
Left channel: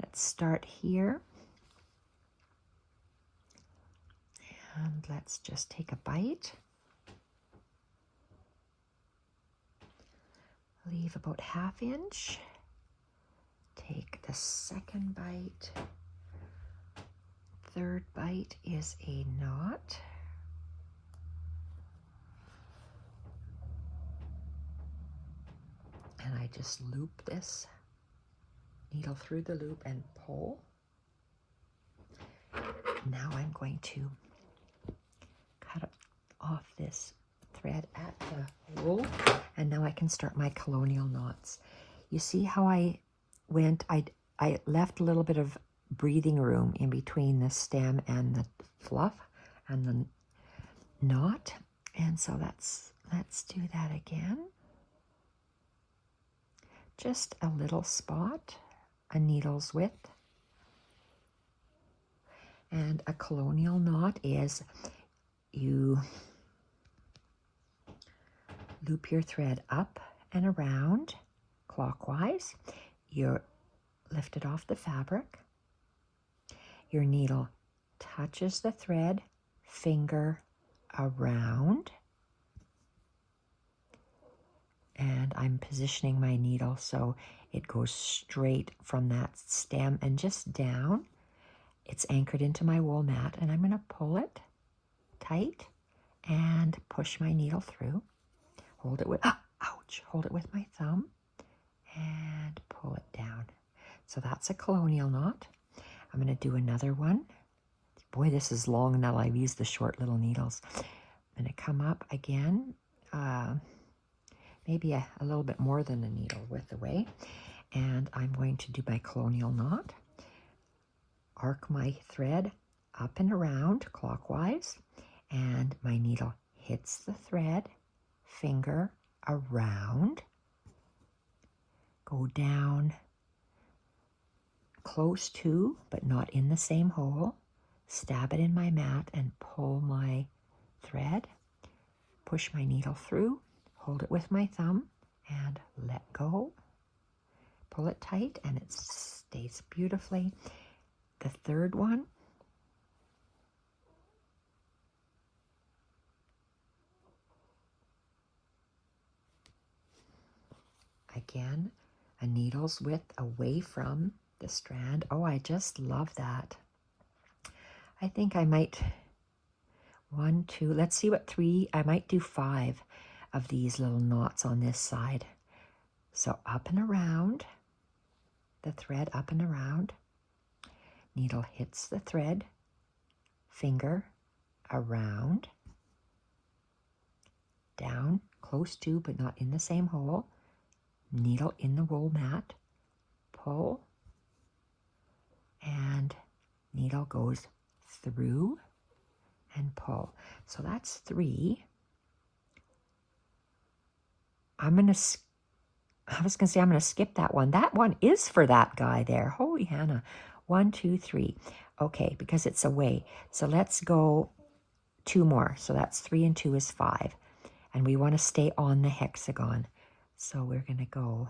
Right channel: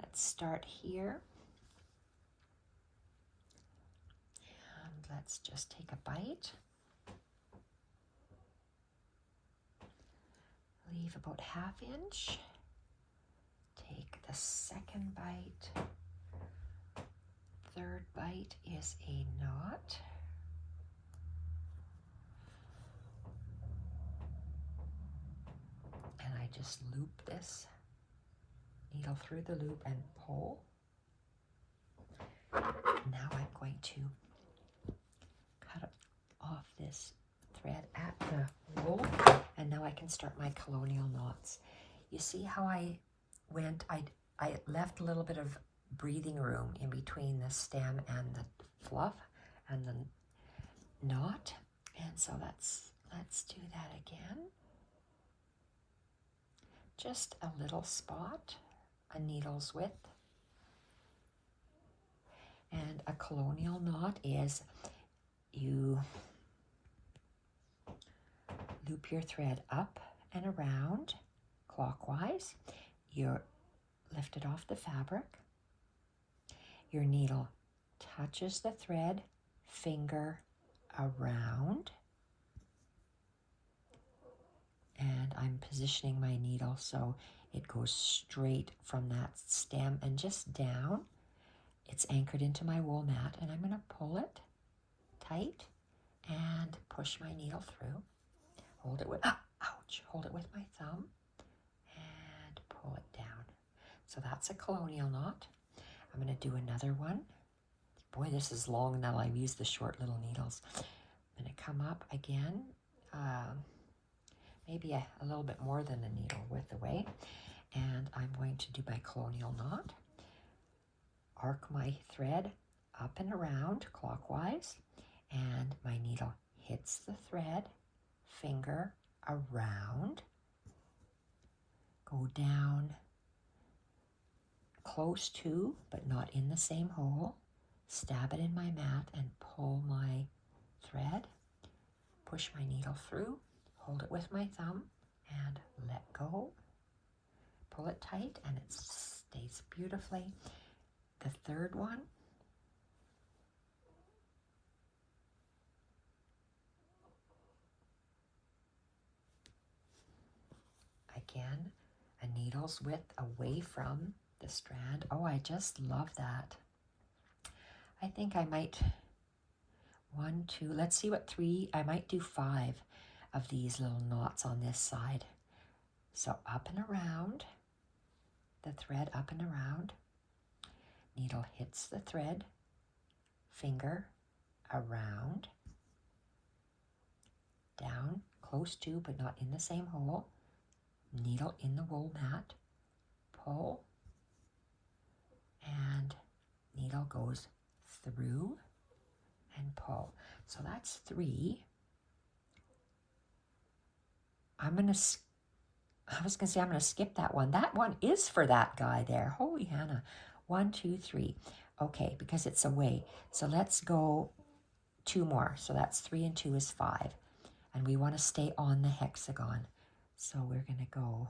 Let's start here. And let's just take a bite. Leave about 1/2 inch. Take the second bite. third bite is a knot. And I just loop this needle through the loop and pull. Now I'm going to cut off this thread at the hole, and now I can start my colonial knots. You see how I went, I left a little bit of breathing room in between the stem and the fluff and the knot, and so let's do that again. Just a little spot, a needle's width. And a colonial knot is you loop your thread up and around clockwise. You lift it off the fabric. Your needle touches the thread, finger around. And I'm positioning my needle so it goes straight from that stem and just down. It's anchored into my wool mat, and I'm going to pull it tight and push my needle through. Hold it with, hold it with my thumb and pull it down. So that's a colonial knot. I'm going to do another one. Boy, this is long now. I've used the short little needles. I'm going to come up again, maybe a little bit more than a needle width away, and I'm going to do my colonial knot. Arc my thread up and around clockwise, and my needle hits the thread, finger around, go down close to but not in the same hole, stab it in my mat and pull my thread, push my needle through, hold it with my thumb and let go, pull it tight, and it stays beautifully. The third one, again, a needle's width away from the strand. Oh, I just love that. I think I might, 1, 2, let's see what 3, I might do 5 of these little knots on this side. So up and around, the thread up and around, needle hits the thread, finger around, down, close to but not in the same hole, needle in the wool mat, pull, and needle goes through and pull. So that's 3. I was going to say I'm going to skip that one. That one is for that guy there. Holy Hannah. 1, 2, 3. Okay, because it's away. So let's go 2 more. So that's 3 and 2 is 5. And we want to stay on the hexagon. So we're going to go,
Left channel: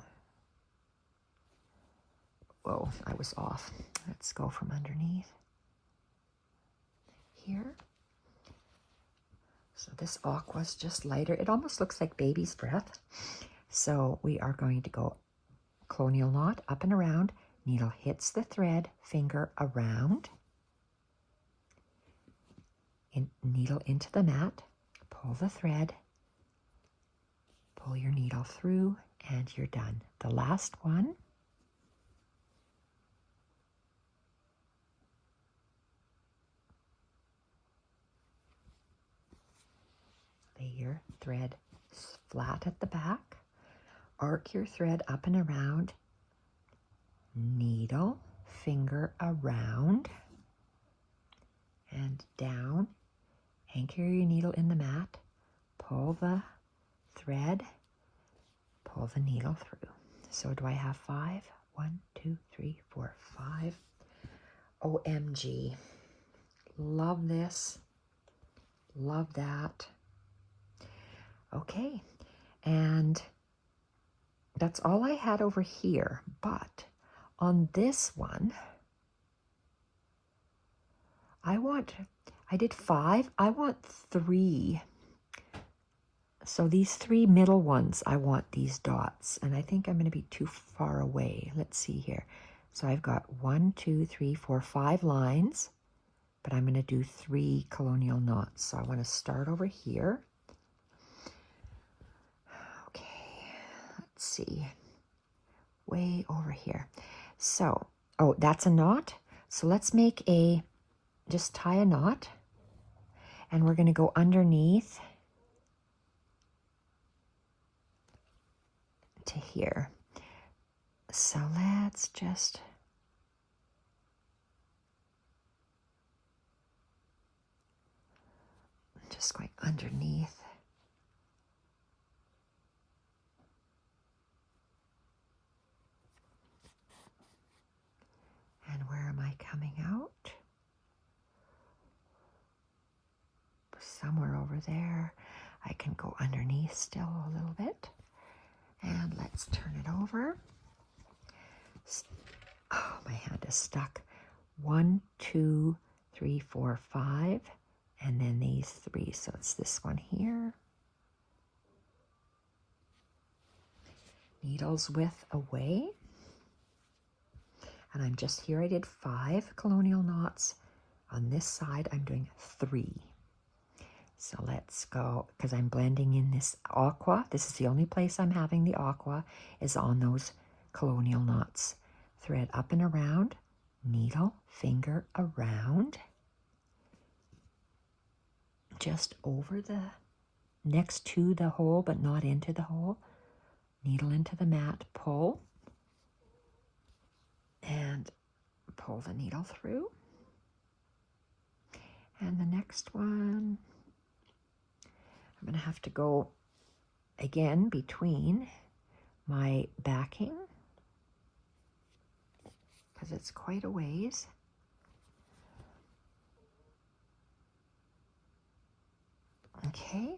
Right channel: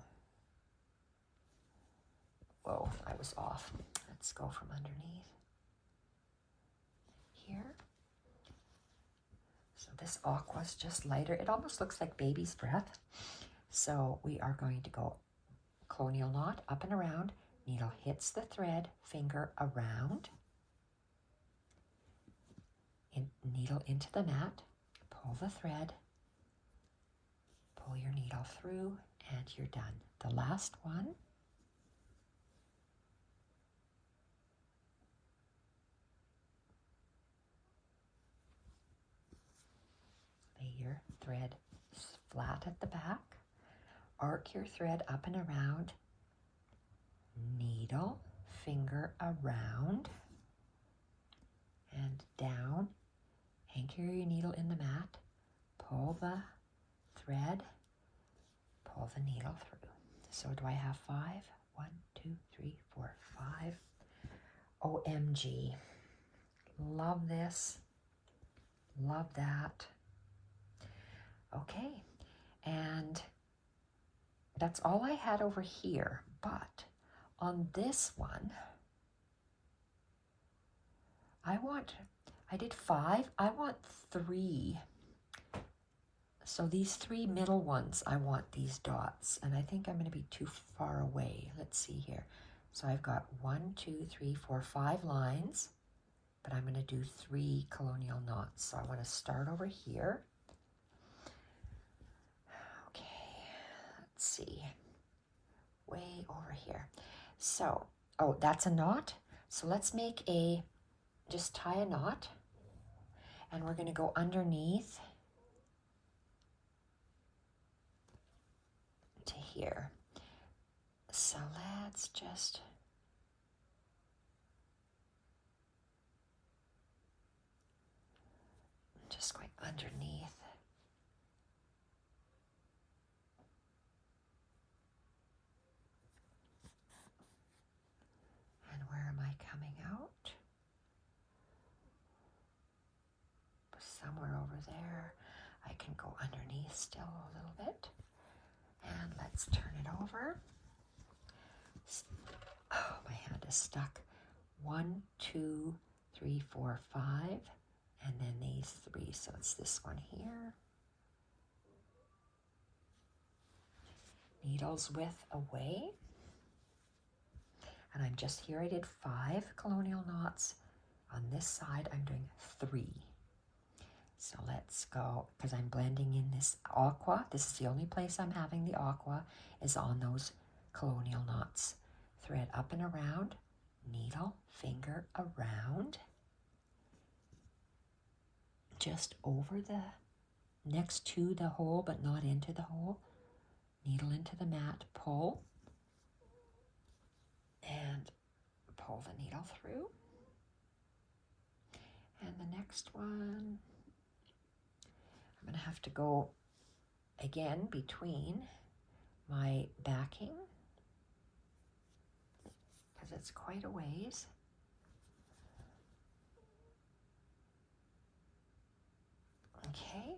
whoa, I was off. Let's go from underneath here. So this aqua's just lighter. It almost looks like baby's breath. So we are going to go colonial knot up and around. Needle hits the thread, finger around, needle into the mat, pull the thread, pull your needle through, and you're done. The last one, lay your thread flat at the back, arc your thread up and around, needle, finger around and down, anchor your needle in the mat, pull the thread, pull the needle through. So do I have 5? 1, 2, 3, 4, 5. OMG. Love this. Love that. Okay, and that's all I had over here, but on this one, I did 5, I want 3. So these 3 middle ones, I want these dots, and I think I'm going to be too far away. Let's see here. So I've got 1, 2, 3, 4, 5 lines, but I'm going to do 3 colonial knots. So I want to start over here. Okay, let's see, way over here. So, oh, that's a knot. So let's make just tie a knot, and we're going to go underneath to here. So let's just going underneath. And where am I coming out? Somewhere over there. I can go underneath still a little bit. And let's turn it over. Oh, my hand is stuck. 1, 2, 3, 4, 5. And then these 3. So it's this one here. Needles width away. And I'm just here. I did 5 colonial knots. On this side, I'm doing 3. So let's go, because I'm blending in this aqua. This is the only place I'm having the aqua, is on those colonial knots. Thread up and around, needle, finger around, just over the, next to the hole, but not into the hole. Needle into the mat, pull, and pull the needle through. And the next one, I'm going to have to go again between my backing, because it's quite a ways. Okay.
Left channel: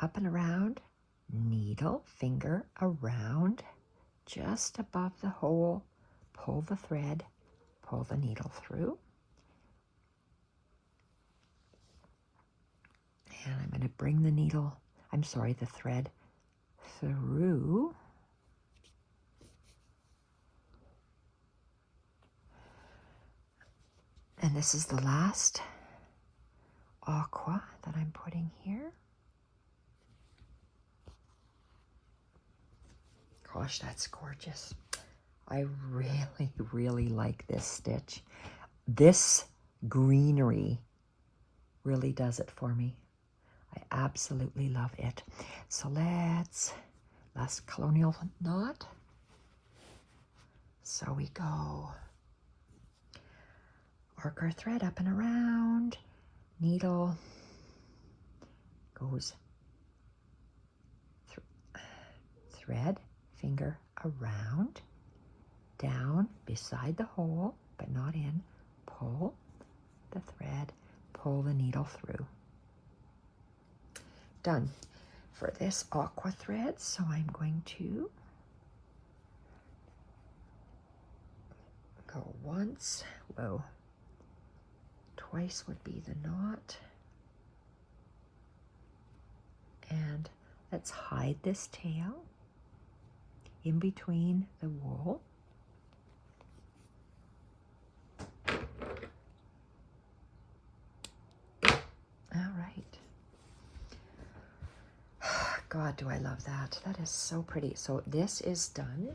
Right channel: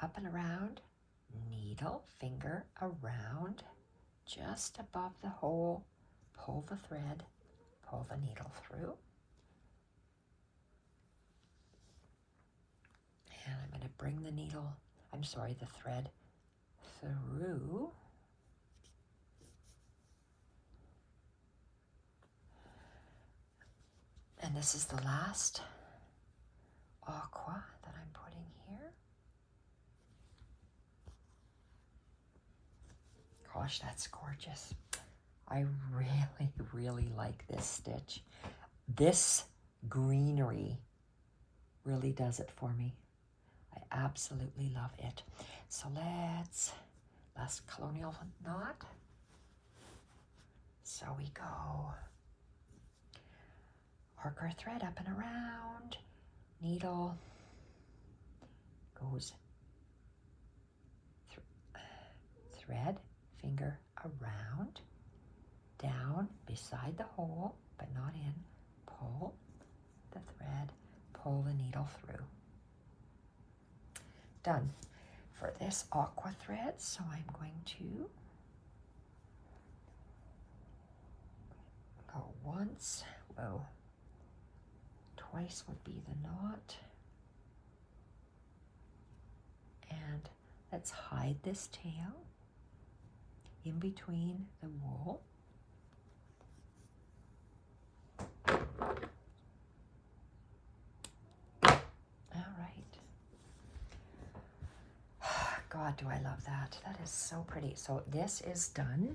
Up and around, needle, finger around, just above the hole, pull the thread, pull the needle through. And I'm going to bring the needle, the thread through. And this is the last aqua that I'm putting here. Gosh, that's gorgeous. I really, really like this stitch. This greenery really does it for me. I absolutely love it. So last colonial knot. So we go, arc our thread up and around, needle goes thread, finger around, down beside the hole, but not in, pull the thread, pull the needle through. Done for this aqua thread, so I'm going to go once, twice would be the knot, and let's hide this tail in between the wool. All right. God, do I love that. That is so pretty. So this is done.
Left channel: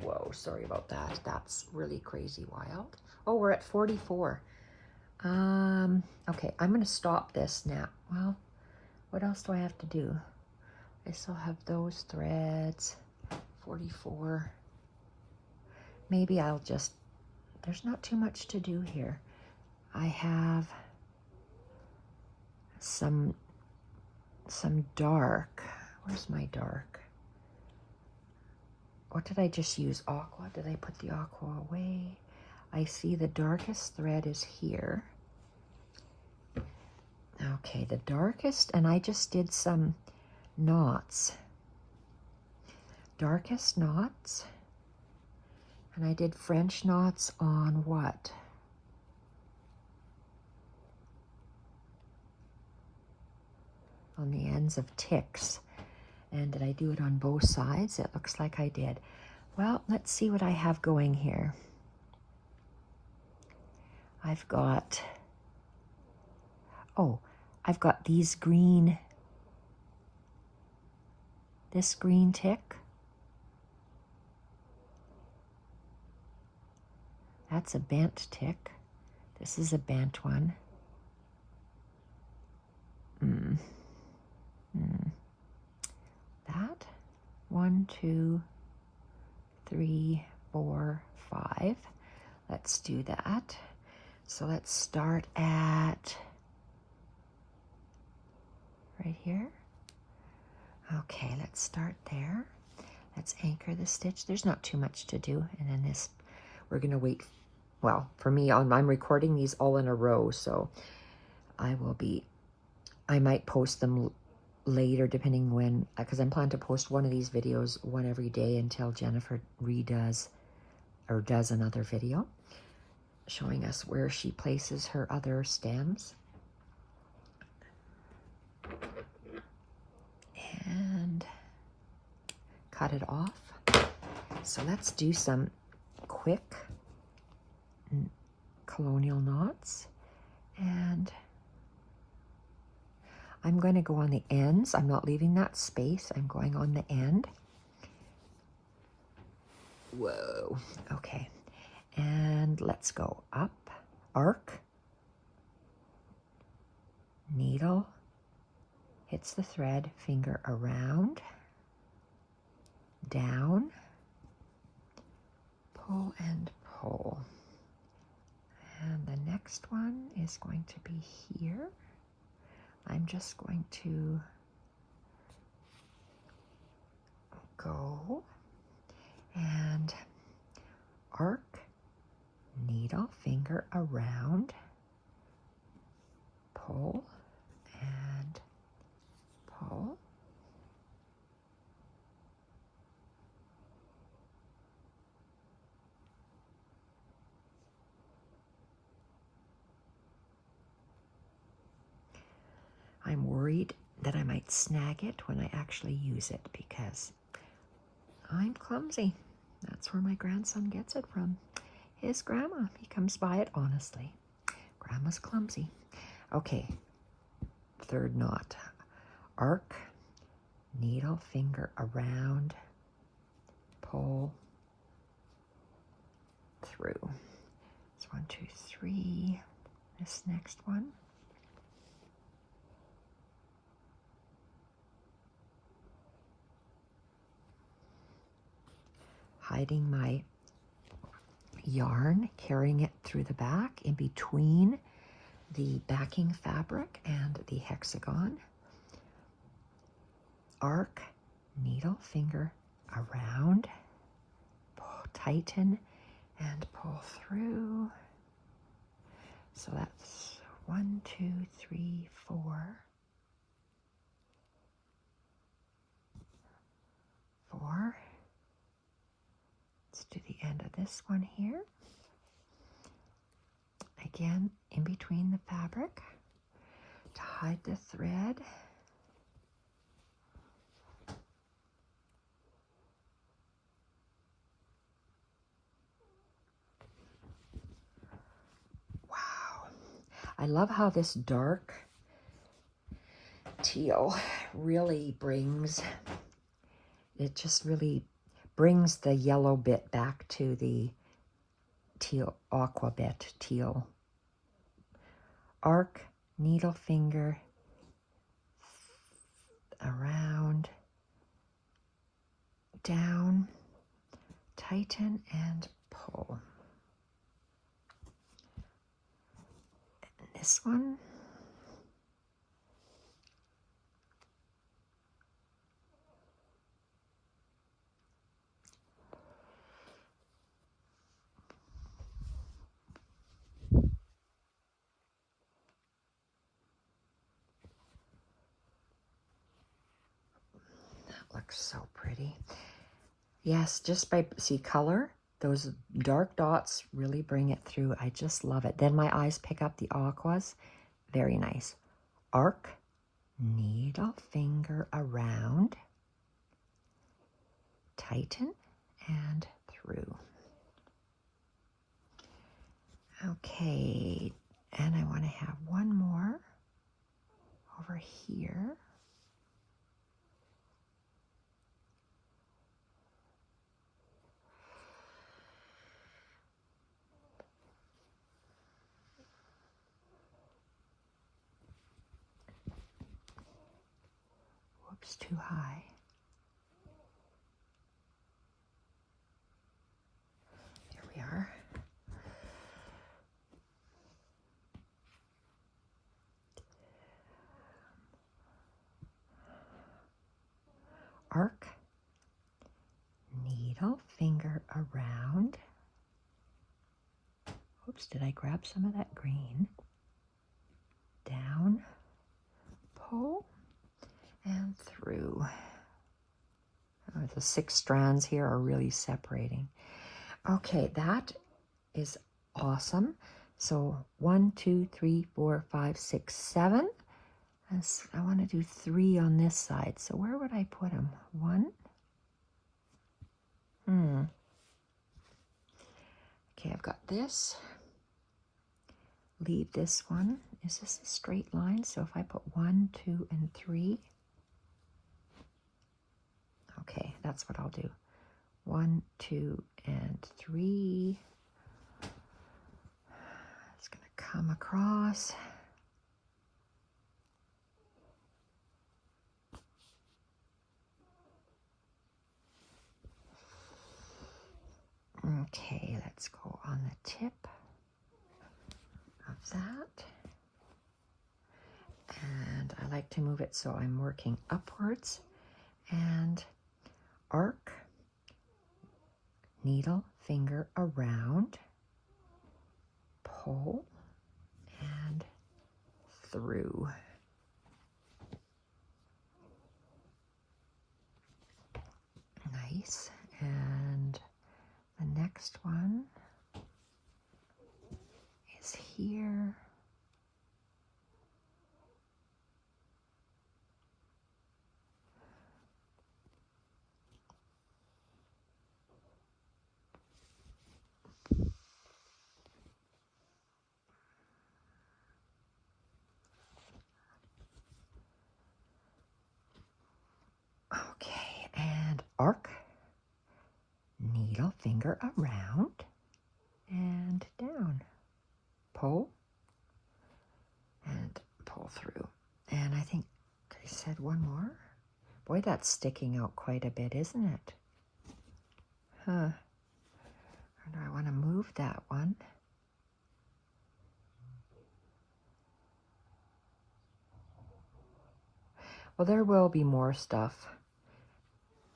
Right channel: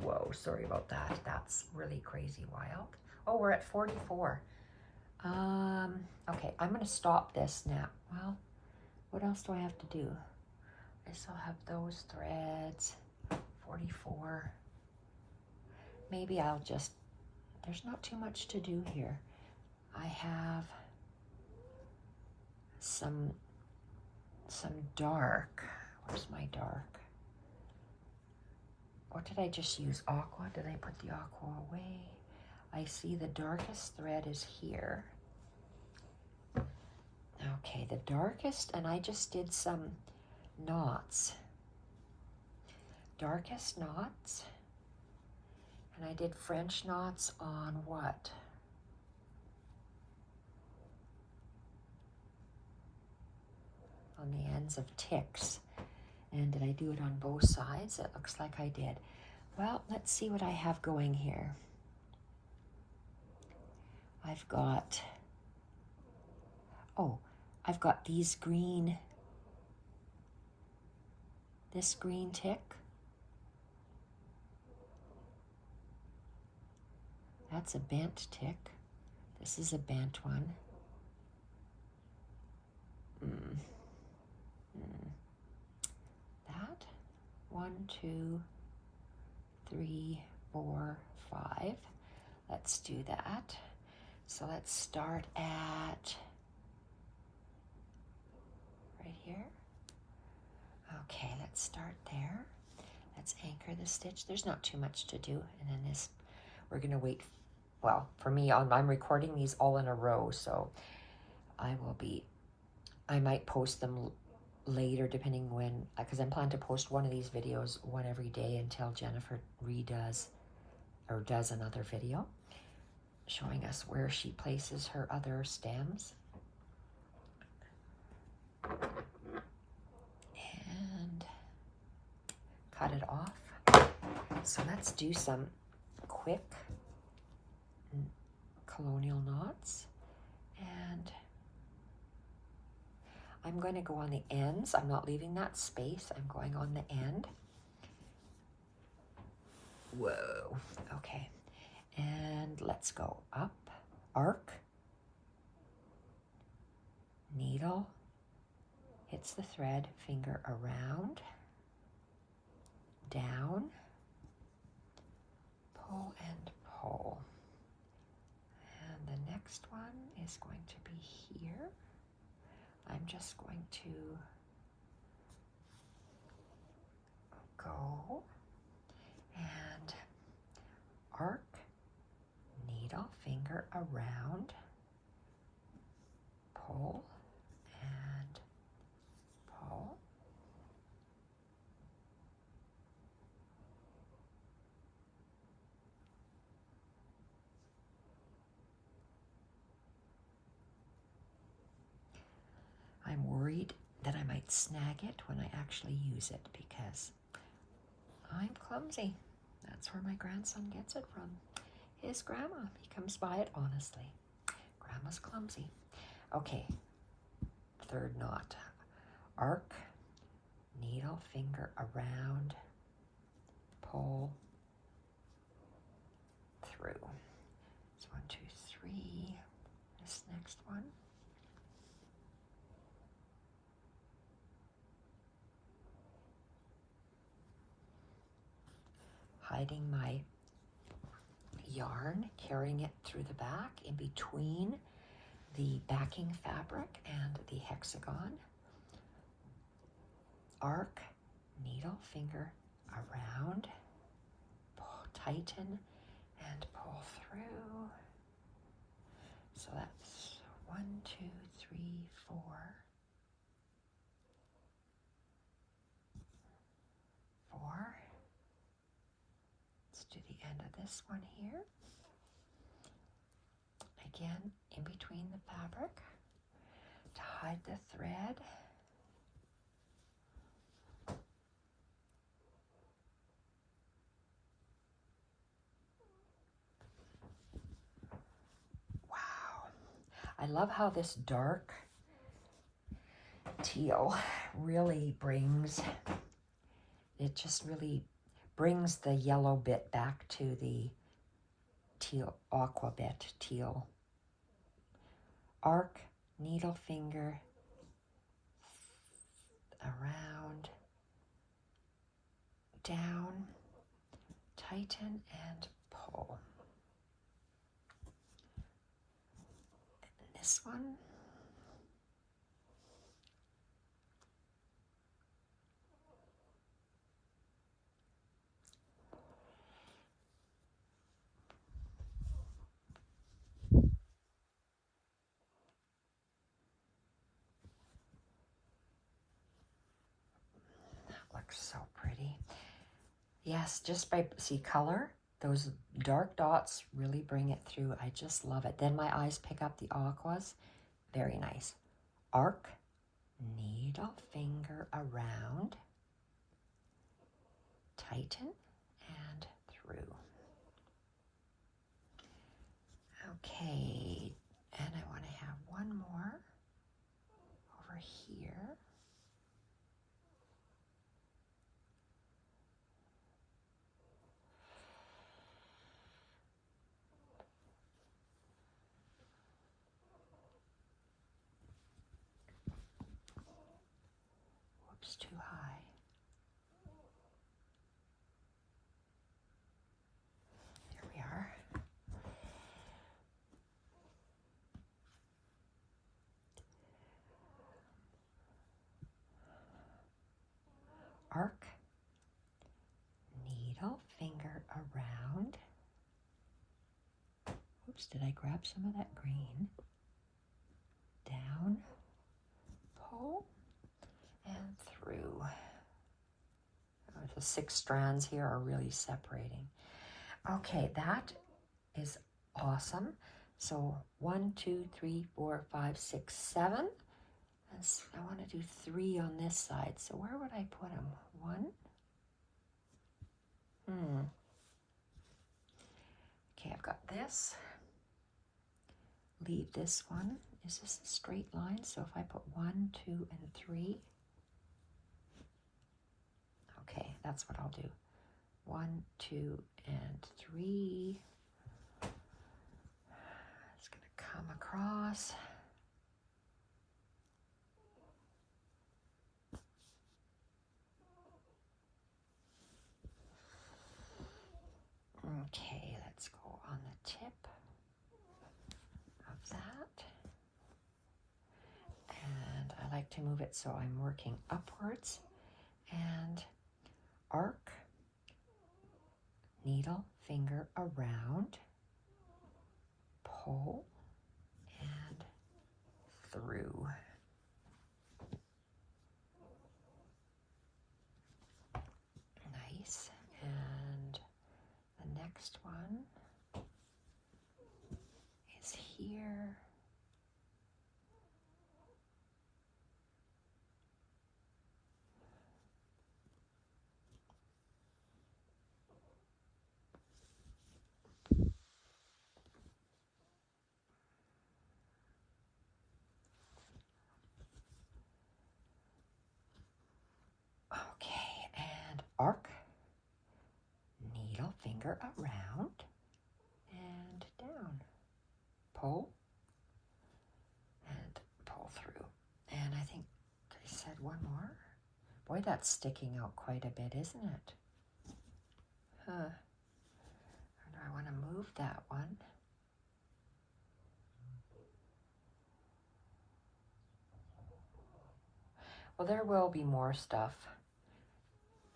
Whoa, sorry about that. That's really crazy wild. Oh, we're at 44. Okay, I'm going to stop this now. Well, what else do I have to do? I still have those threads. 44. Maybe I'll just, there's not too much to do here. I have some dark. Where's my dark? What did I just use? Aqua? Did I put the aqua away? I see the darkest thread is here. Okay, the darkest, and I just did some knots. Darkest knots. And I did French knots on what? On the ends of ticks. And did I do it on both sides? It looks like I did. Well, let's see what I have going here. I've got, oh, I've got these green, this green tick. That's a bent tick. This is a bent one. That, 1, 2, 3, 4, 5. Let's do that. So let's start at right here. Okay, let's start there. Let's anchor the stitch. There's not too much to do. And then this, we're gonna wait. Well, for me, I'm recording these all in a row, so I might post them later depending when, because I'm planning to post one of these videos, one every day until Jennifer redoes or does another video showing us where she places her other stems. And cut it off. So let's do some quick colonial knots. And I'm going to go on the ends. I'm not leaving that space. I'm going on the end. Whoa. Okay. And let's go up, arc, needle, hits the thread, finger around, down, pull and pull. And the next one is going to be here. I'm just going to go and arc, needle, finger around, pull and pull. I'm worried that I might snag it when I actually use it because I'm clumsy. That's where my grandson gets it from. His grandma. He comes by it honestly. Grandma's clumsy. Okay, third knot. Arc, needle, finger around, pull through. It's 1, 2, 3. This next one. Hiding my yarn, carrying it through the back in between the backing fabric and the hexagon. Arc, needle, finger around, pull, tighten, and pull through. So that's 1, 2, 3, 4. 4. Let's do the end of this one here. Again, in between the fabric to hide the thread. Wow. I love how this dark teal really brings, it just really brings the yellow bit back to the teal, aqua bit, teal. Arc, needle, finger around, down, tighten and pull. And this one, looks so pretty. Yes, just by, see color, those dark dots really bring it through. I just love it. Then my eyes pick up the aquas. Very nice. Arc, needle, finger around, tighten and through. Okay, and I want to have one more over here. Whoops, too high. There we are. Arc, needle, finger around. Oops, did I grab some of that green? Down, pull, and through. Oh, the 6 strands here are really separating. Okay, that is awesome. So 1, 2, 3, 4, 5, 6, 7. I want to do 3 on this side. So where would I put them? 1. Okay, I've got this. Leave this one. Is this a straight line? So if I put 1, 2, and 3. Okay, that's what I'll do. 1, 2, and 3. It's going to come across. Okay, let's go on the tip of that. And I like to move it so I'm working upwards. And arc, needle, finger around, pull, and through. Nice. And the next one is here. Okay, and arc, needle, finger around, and down. Pull, and pull through. And I think I said one more. Boy, that's sticking out quite a bit, isn't it? Huh. Or do I want to move that one? Well, there will be more stuff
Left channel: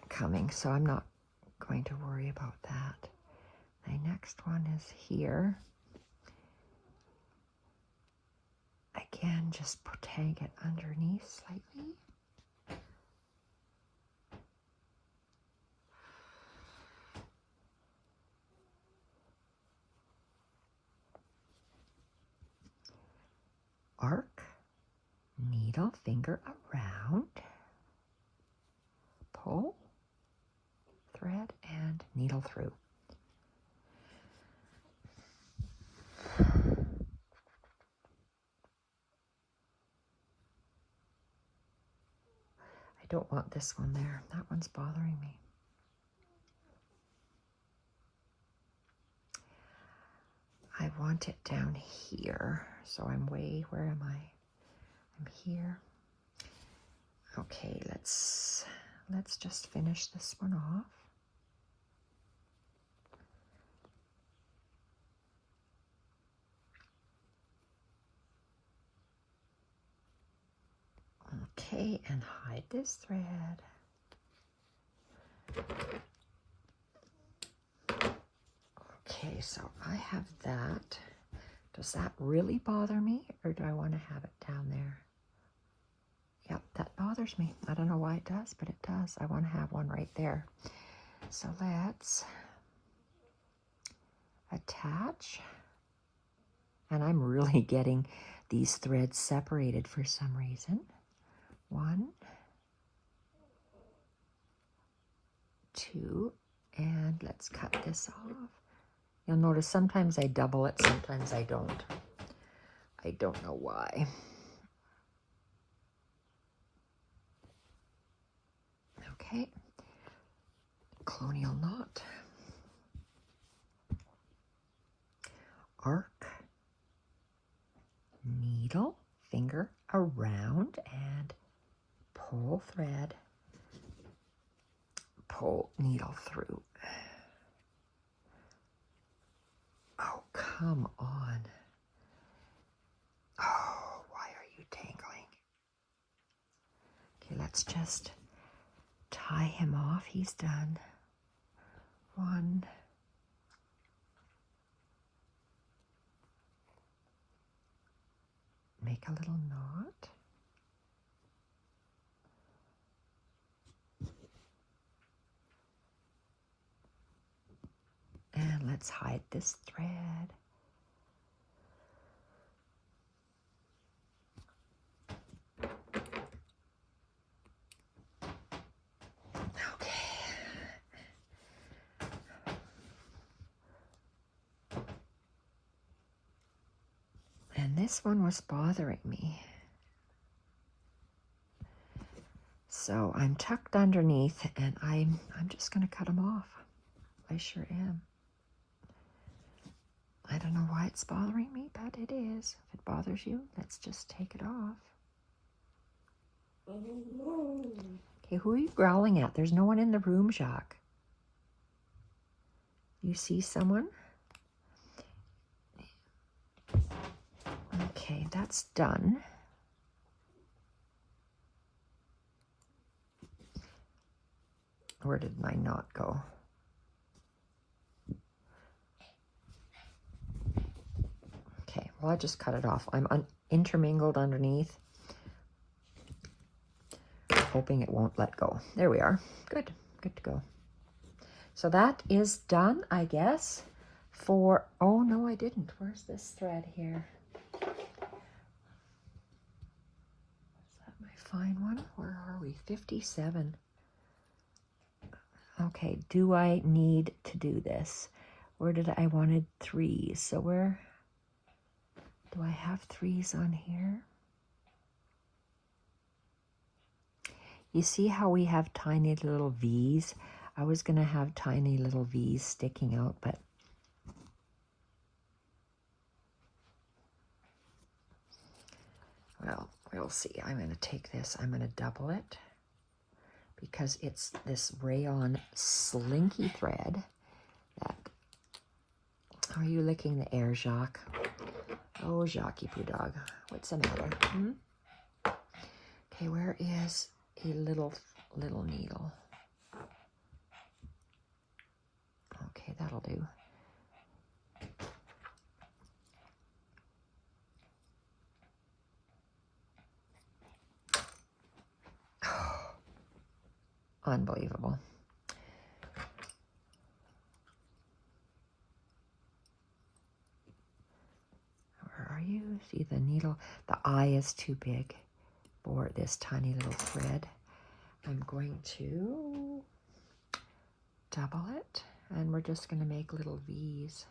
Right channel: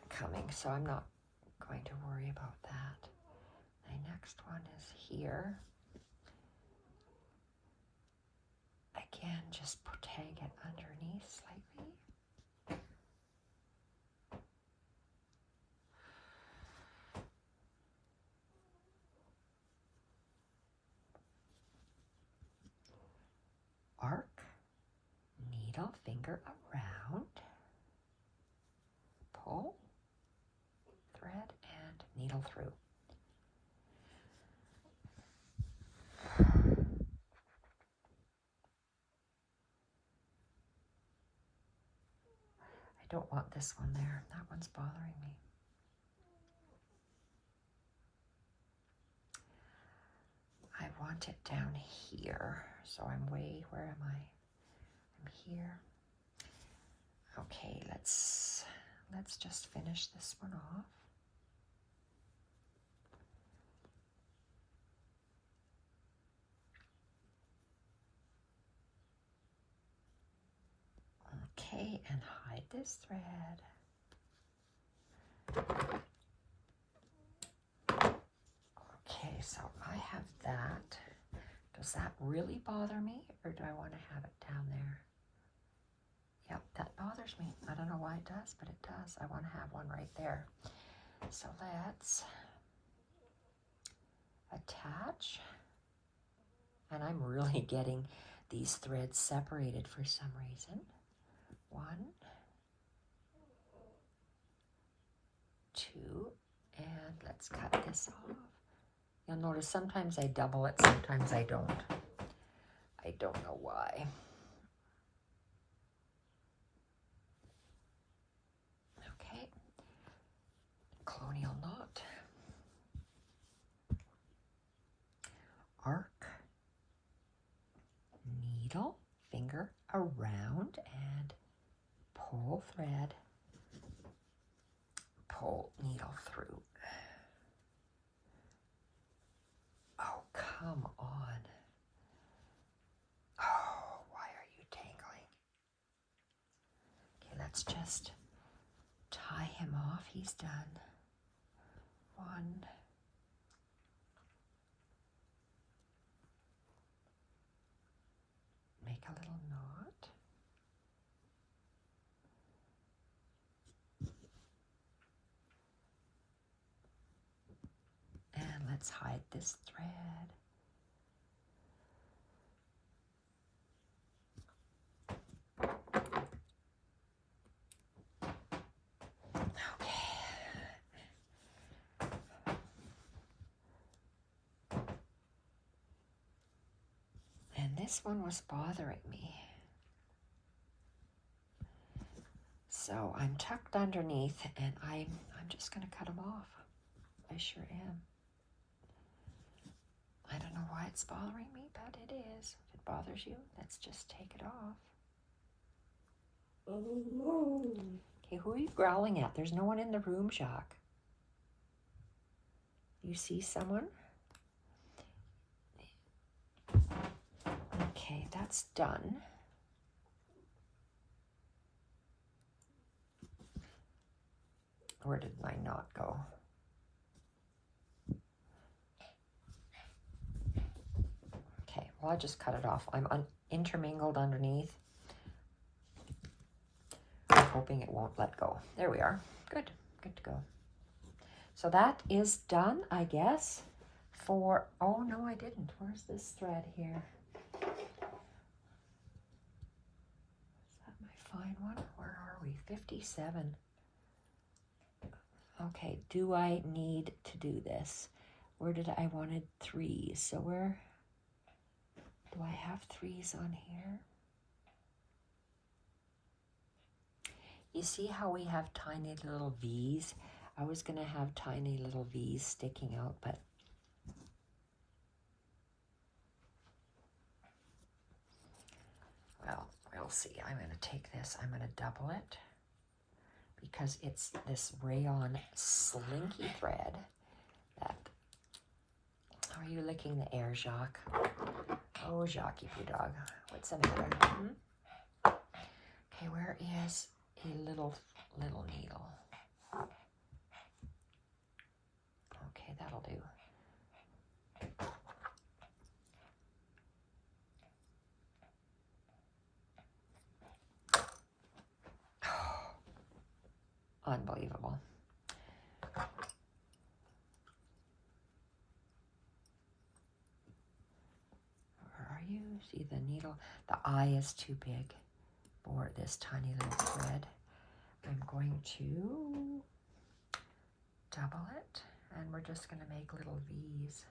coming, so I'm not going to worry about that. The next one is here. Again, just tag it underneath slightly. Arc, needle, finger around, pull, thread, and needle through. I don't want this one there. That one's bothering me. I want it down here. So I'm way, where am I? I'm here. Okay, let's just finish this one off. Okay, and hide this thread. Okay, so I have that. Does that really bother me, or do I want to have it down there? Yep, that bothers me. I don't know why it does, but it does. I want to have one right there. So let's attach. And I'm really getting these threads separated for some reason. 1, 2, and let's cut this off. You'll notice sometimes I double it, sometimes I don't. I don't know why. Okay, colonial knot, arc, needle, finger around, and pull thread, pull needle through. Oh, come on. Oh, why are you tangling? Okay, let's just tie him off. He's done. One. Make a little knot. And let's hide this thread. Okay. And this one was bothering me. So I'm tucked underneath and I'm just going to cut them off. I sure am. I don't know why it's bothering me, but it is. If it bothers you, let's just take it off. Okay, who are you growling at? There's no one in the room, Jacques. You see someone? Okay, that's done. Where did my knot go? Okay, well, I just cut it off. I'm intermingled underneath. I'm hoping it won't let go. There we are. Good, good to go. So that is done, I guess, for, oh no, I didn't. Where's this thread here? Is that my fine one? Where are we? 57. Okay, do I need to do this? Where did I wanted 3s? So where do I have 3s on here? You see how we have tiny little V's? I was going to have tiny little V's sticking out, but well, we'll see. I'm going to take this, I'm going to double it because it's this rayon slinky thread that, are you licking the air, Jacques? Oh, Jacques, poo dog. What's the matter? Okay, where is a little needle? Okay, that'll do. Unbelievable. Where are you? See the needle? The eye is too big for this tiny little thread. I'm going to double it, and we're just going to make little V's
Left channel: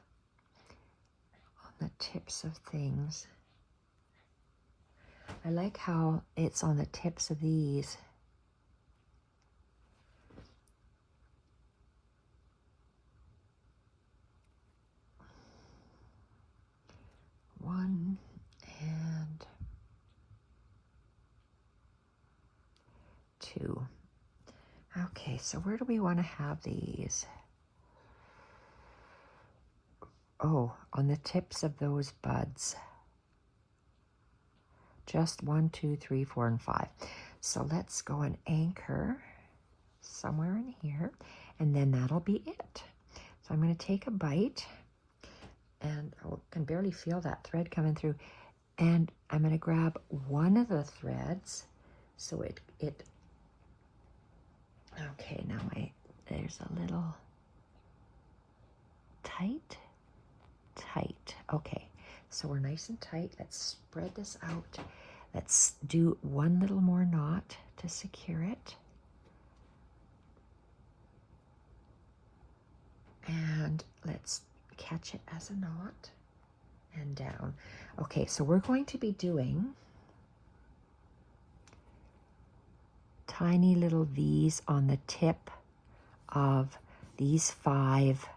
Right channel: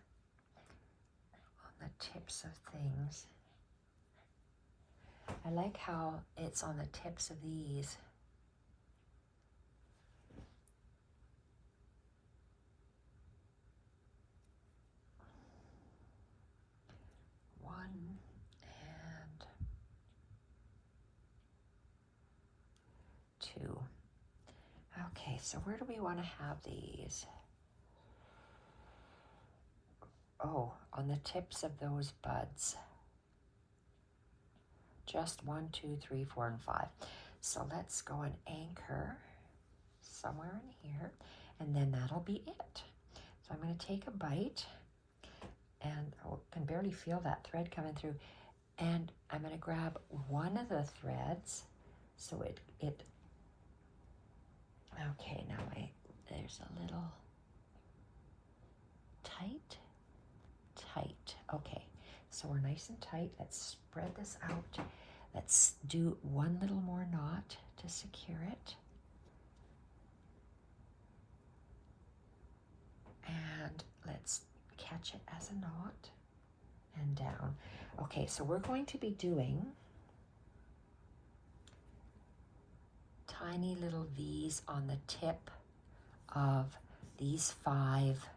on the tips of things. I like how it's on the tips of these. One and 2. Okay, so where do we want to have these? Oh, on the tips of those buds. Just 1, 2, 3, 4, and 5. So let's go and anchor somewhere in here, and then that'll be it. So I'm going to take a bite, and I can barely feel that thread coming through, and I'm going to grab one of the threads, so it okay, now there's a little tight. Okay, so we're nice and tight. Let's spread this out. Let's do one little more knot to secure it. And let's catch it as a knot and down. Okay, so we're going to be doing tiny little V's on the tip of these 5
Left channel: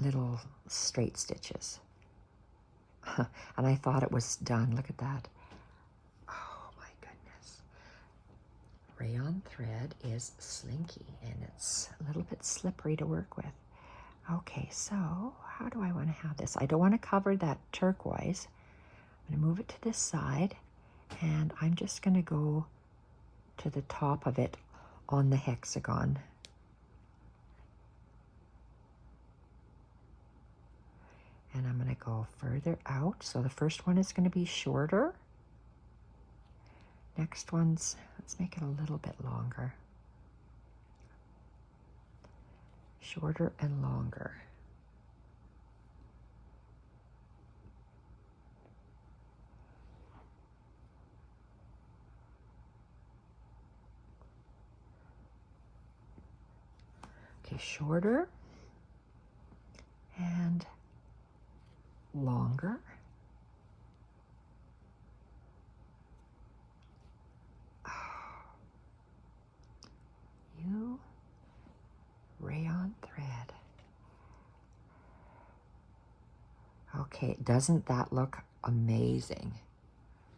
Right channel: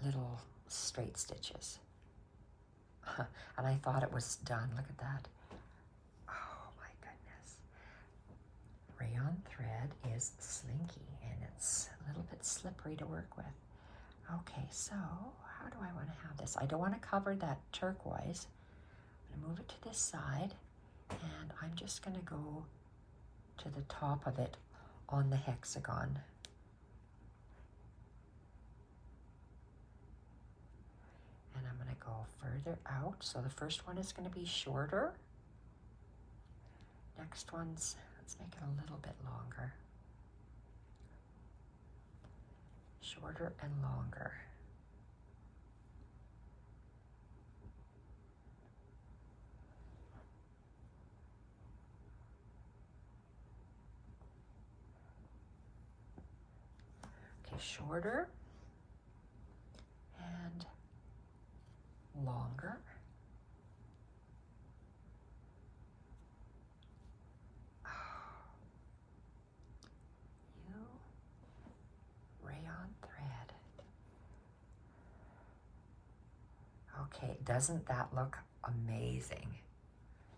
little straight stitches. And I thought it was done. Look at that. Oh my goodness. Rayon thread is slinky and it's a little bit slippery to work with. Okay, so how do I want to have this? I don't want to cover that turquoise. I'm going to move it to this side, and I'm just going to go to the top of it on the hexagon. And I'm going to go further out. So the first one is going to be shorter. Next one's, let's make it a little bit longer. Shorter and longer. Okay, shorter and longer. You rayon thread. Okay, doesn't that look amazing?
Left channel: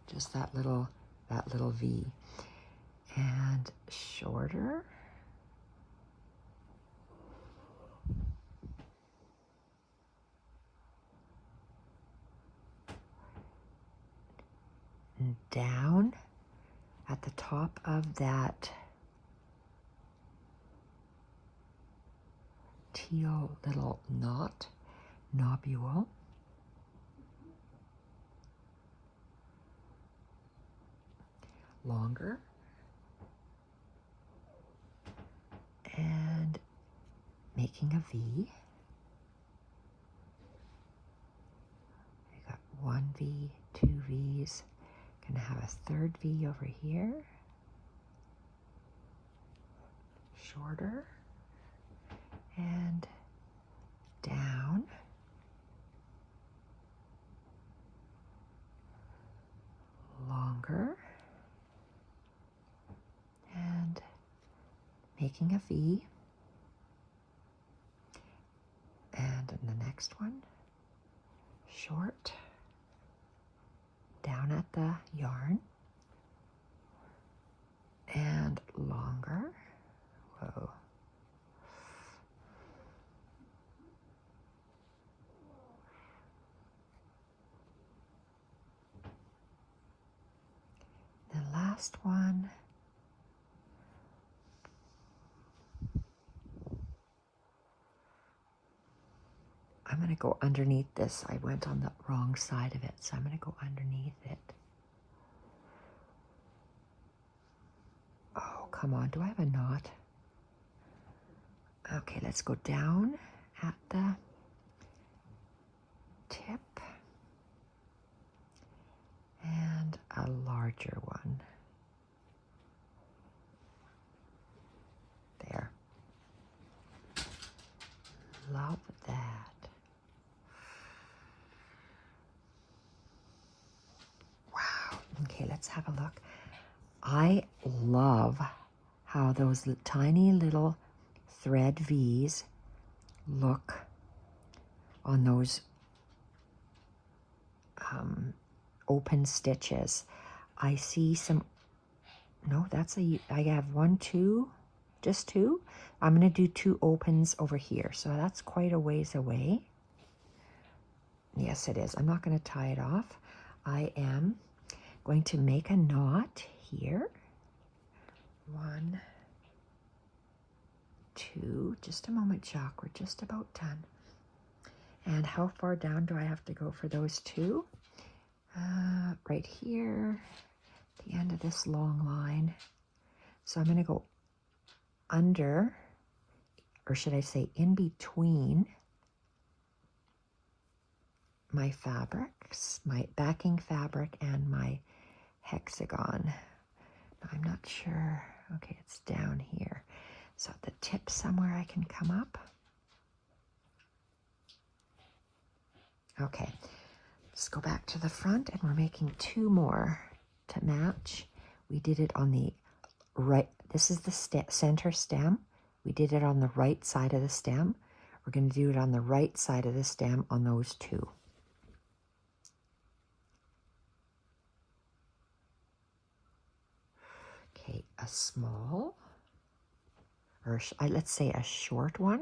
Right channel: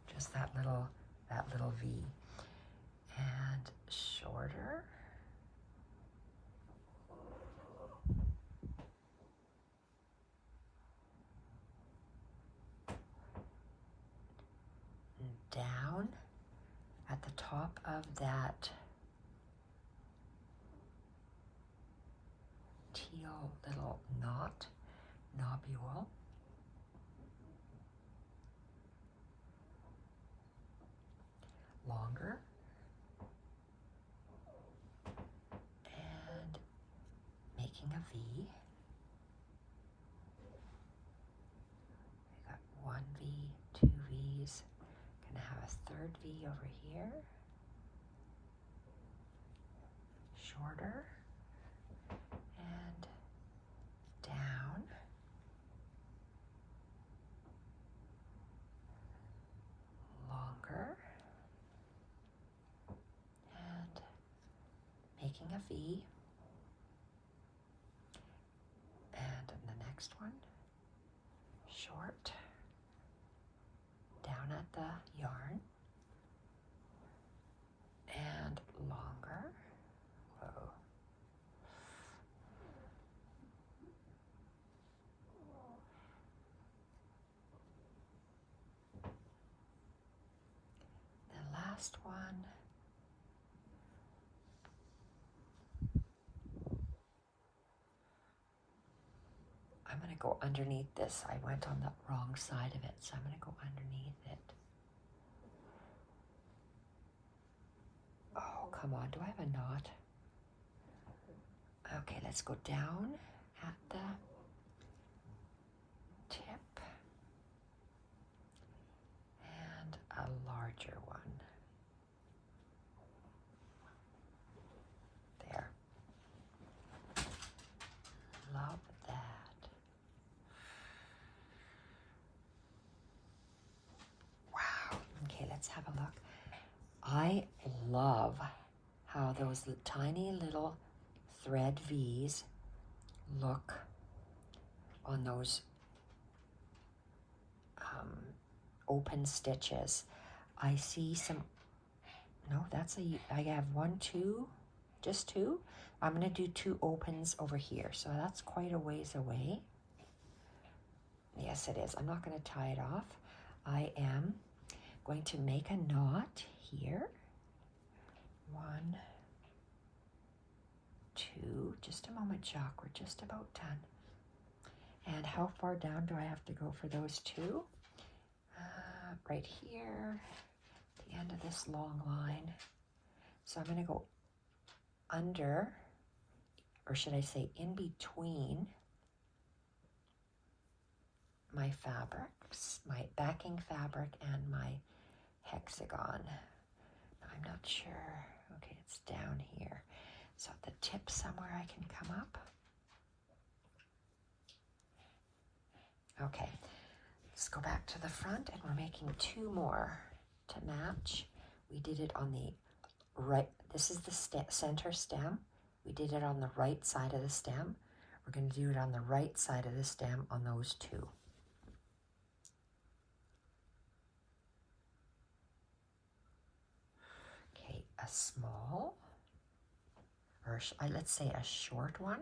Just that little V. And shorter. And down at the top of that teal little knot, nobule. Longer. And making a V. We got 1 V, 2 V's. Gonna have a 3rd V over here. Shorter. And down. Longer. And making a V. And in the next one, short, down at the yarn, and longer. Whoa. The last one. I'm going to go underneath this. I went on the wrong side of it, so I'm going to go underneath it. Oh, come on. Do I have a knot? Okay, let's go down at the tip. And a larger one. There. Love that. Okay, let's have a look. I love how those tiny little thread V's look on those open stitches. I see some, no, I have 1, 2, just 2. I'm going to do 2 opens over here. So that's quite a ways away. Yes, it is. I'm not going to tie it off. I am going to make a knot here. 1, 2, just a moment, Jacques, we're just about done. And how far down do I have to go for those 2? Right here, the end of this long line. So I'm going to go under, or should I say in between my fabrics, my backing fabric and my hexagon. I'm not sure. Okay, it's down here. So at the tip somewhere I can come up. Okay, let's go back to the front, and we're making 2 more to match. We did it on the right. This is the center stem. We did it on the right side of the stem. We're going to do it on the right side of the stem on those 2. Okay, a small, or let's say a short one,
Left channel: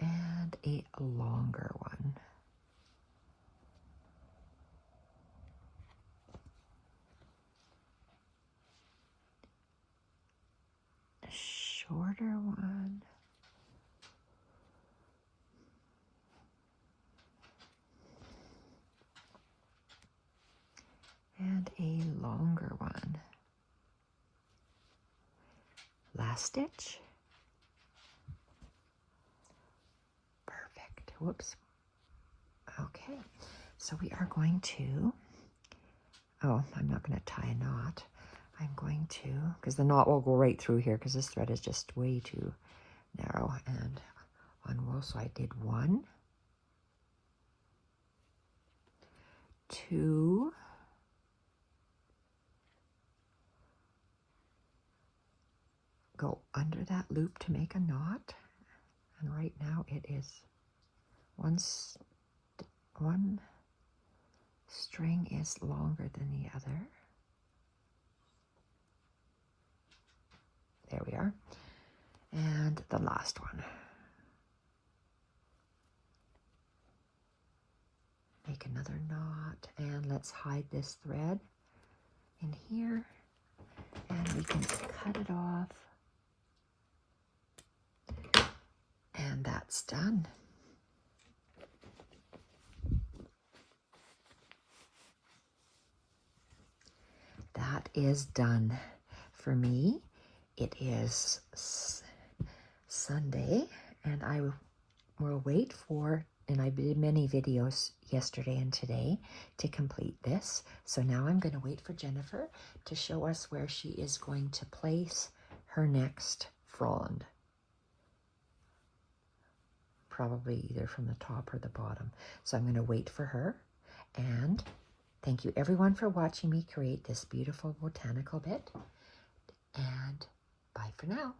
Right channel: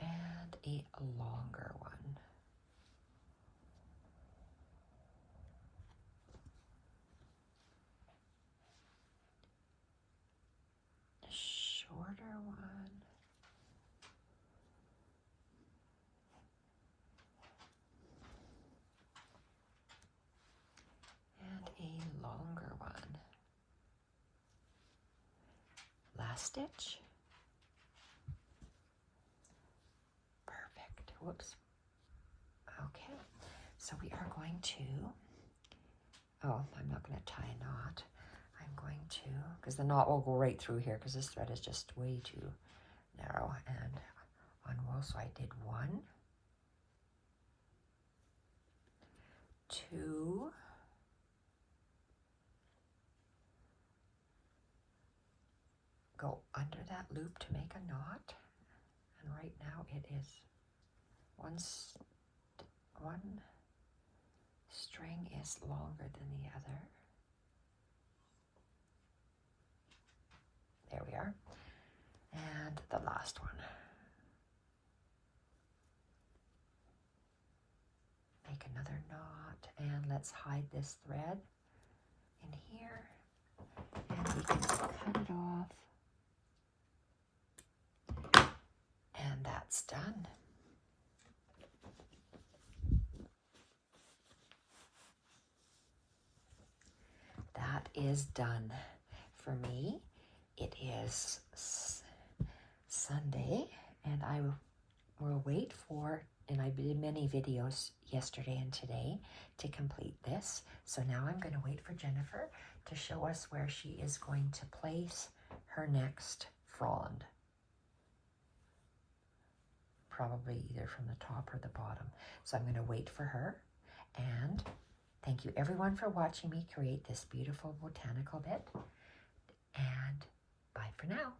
and a longer one. A shorter one. And a longer one. Last stitch. Perfect. Whoops. Okay, so we are going to, oh, I'm not going to tie a knot. I'm going to, because the knot will go right through here because this thread is just way too narrow and unwool. So I did 1, 2, go under that loop to make a knot, and right now it is one string is longer than the other. There we are. And the last one. Make another knot, and let's hide this thread in here, and we can cut it off, and that's done. That is done for me. It is Sunday, and I will wait for, and I did many videos yesterday and today to complete this. So now I'm going to wait for Jennifer to show us where she is going to place her next frond. Probably either from the top or the bottom. So I'm going to wait for her, and thank you everyone for watching me create this beautiful botanical bit, and bye for now.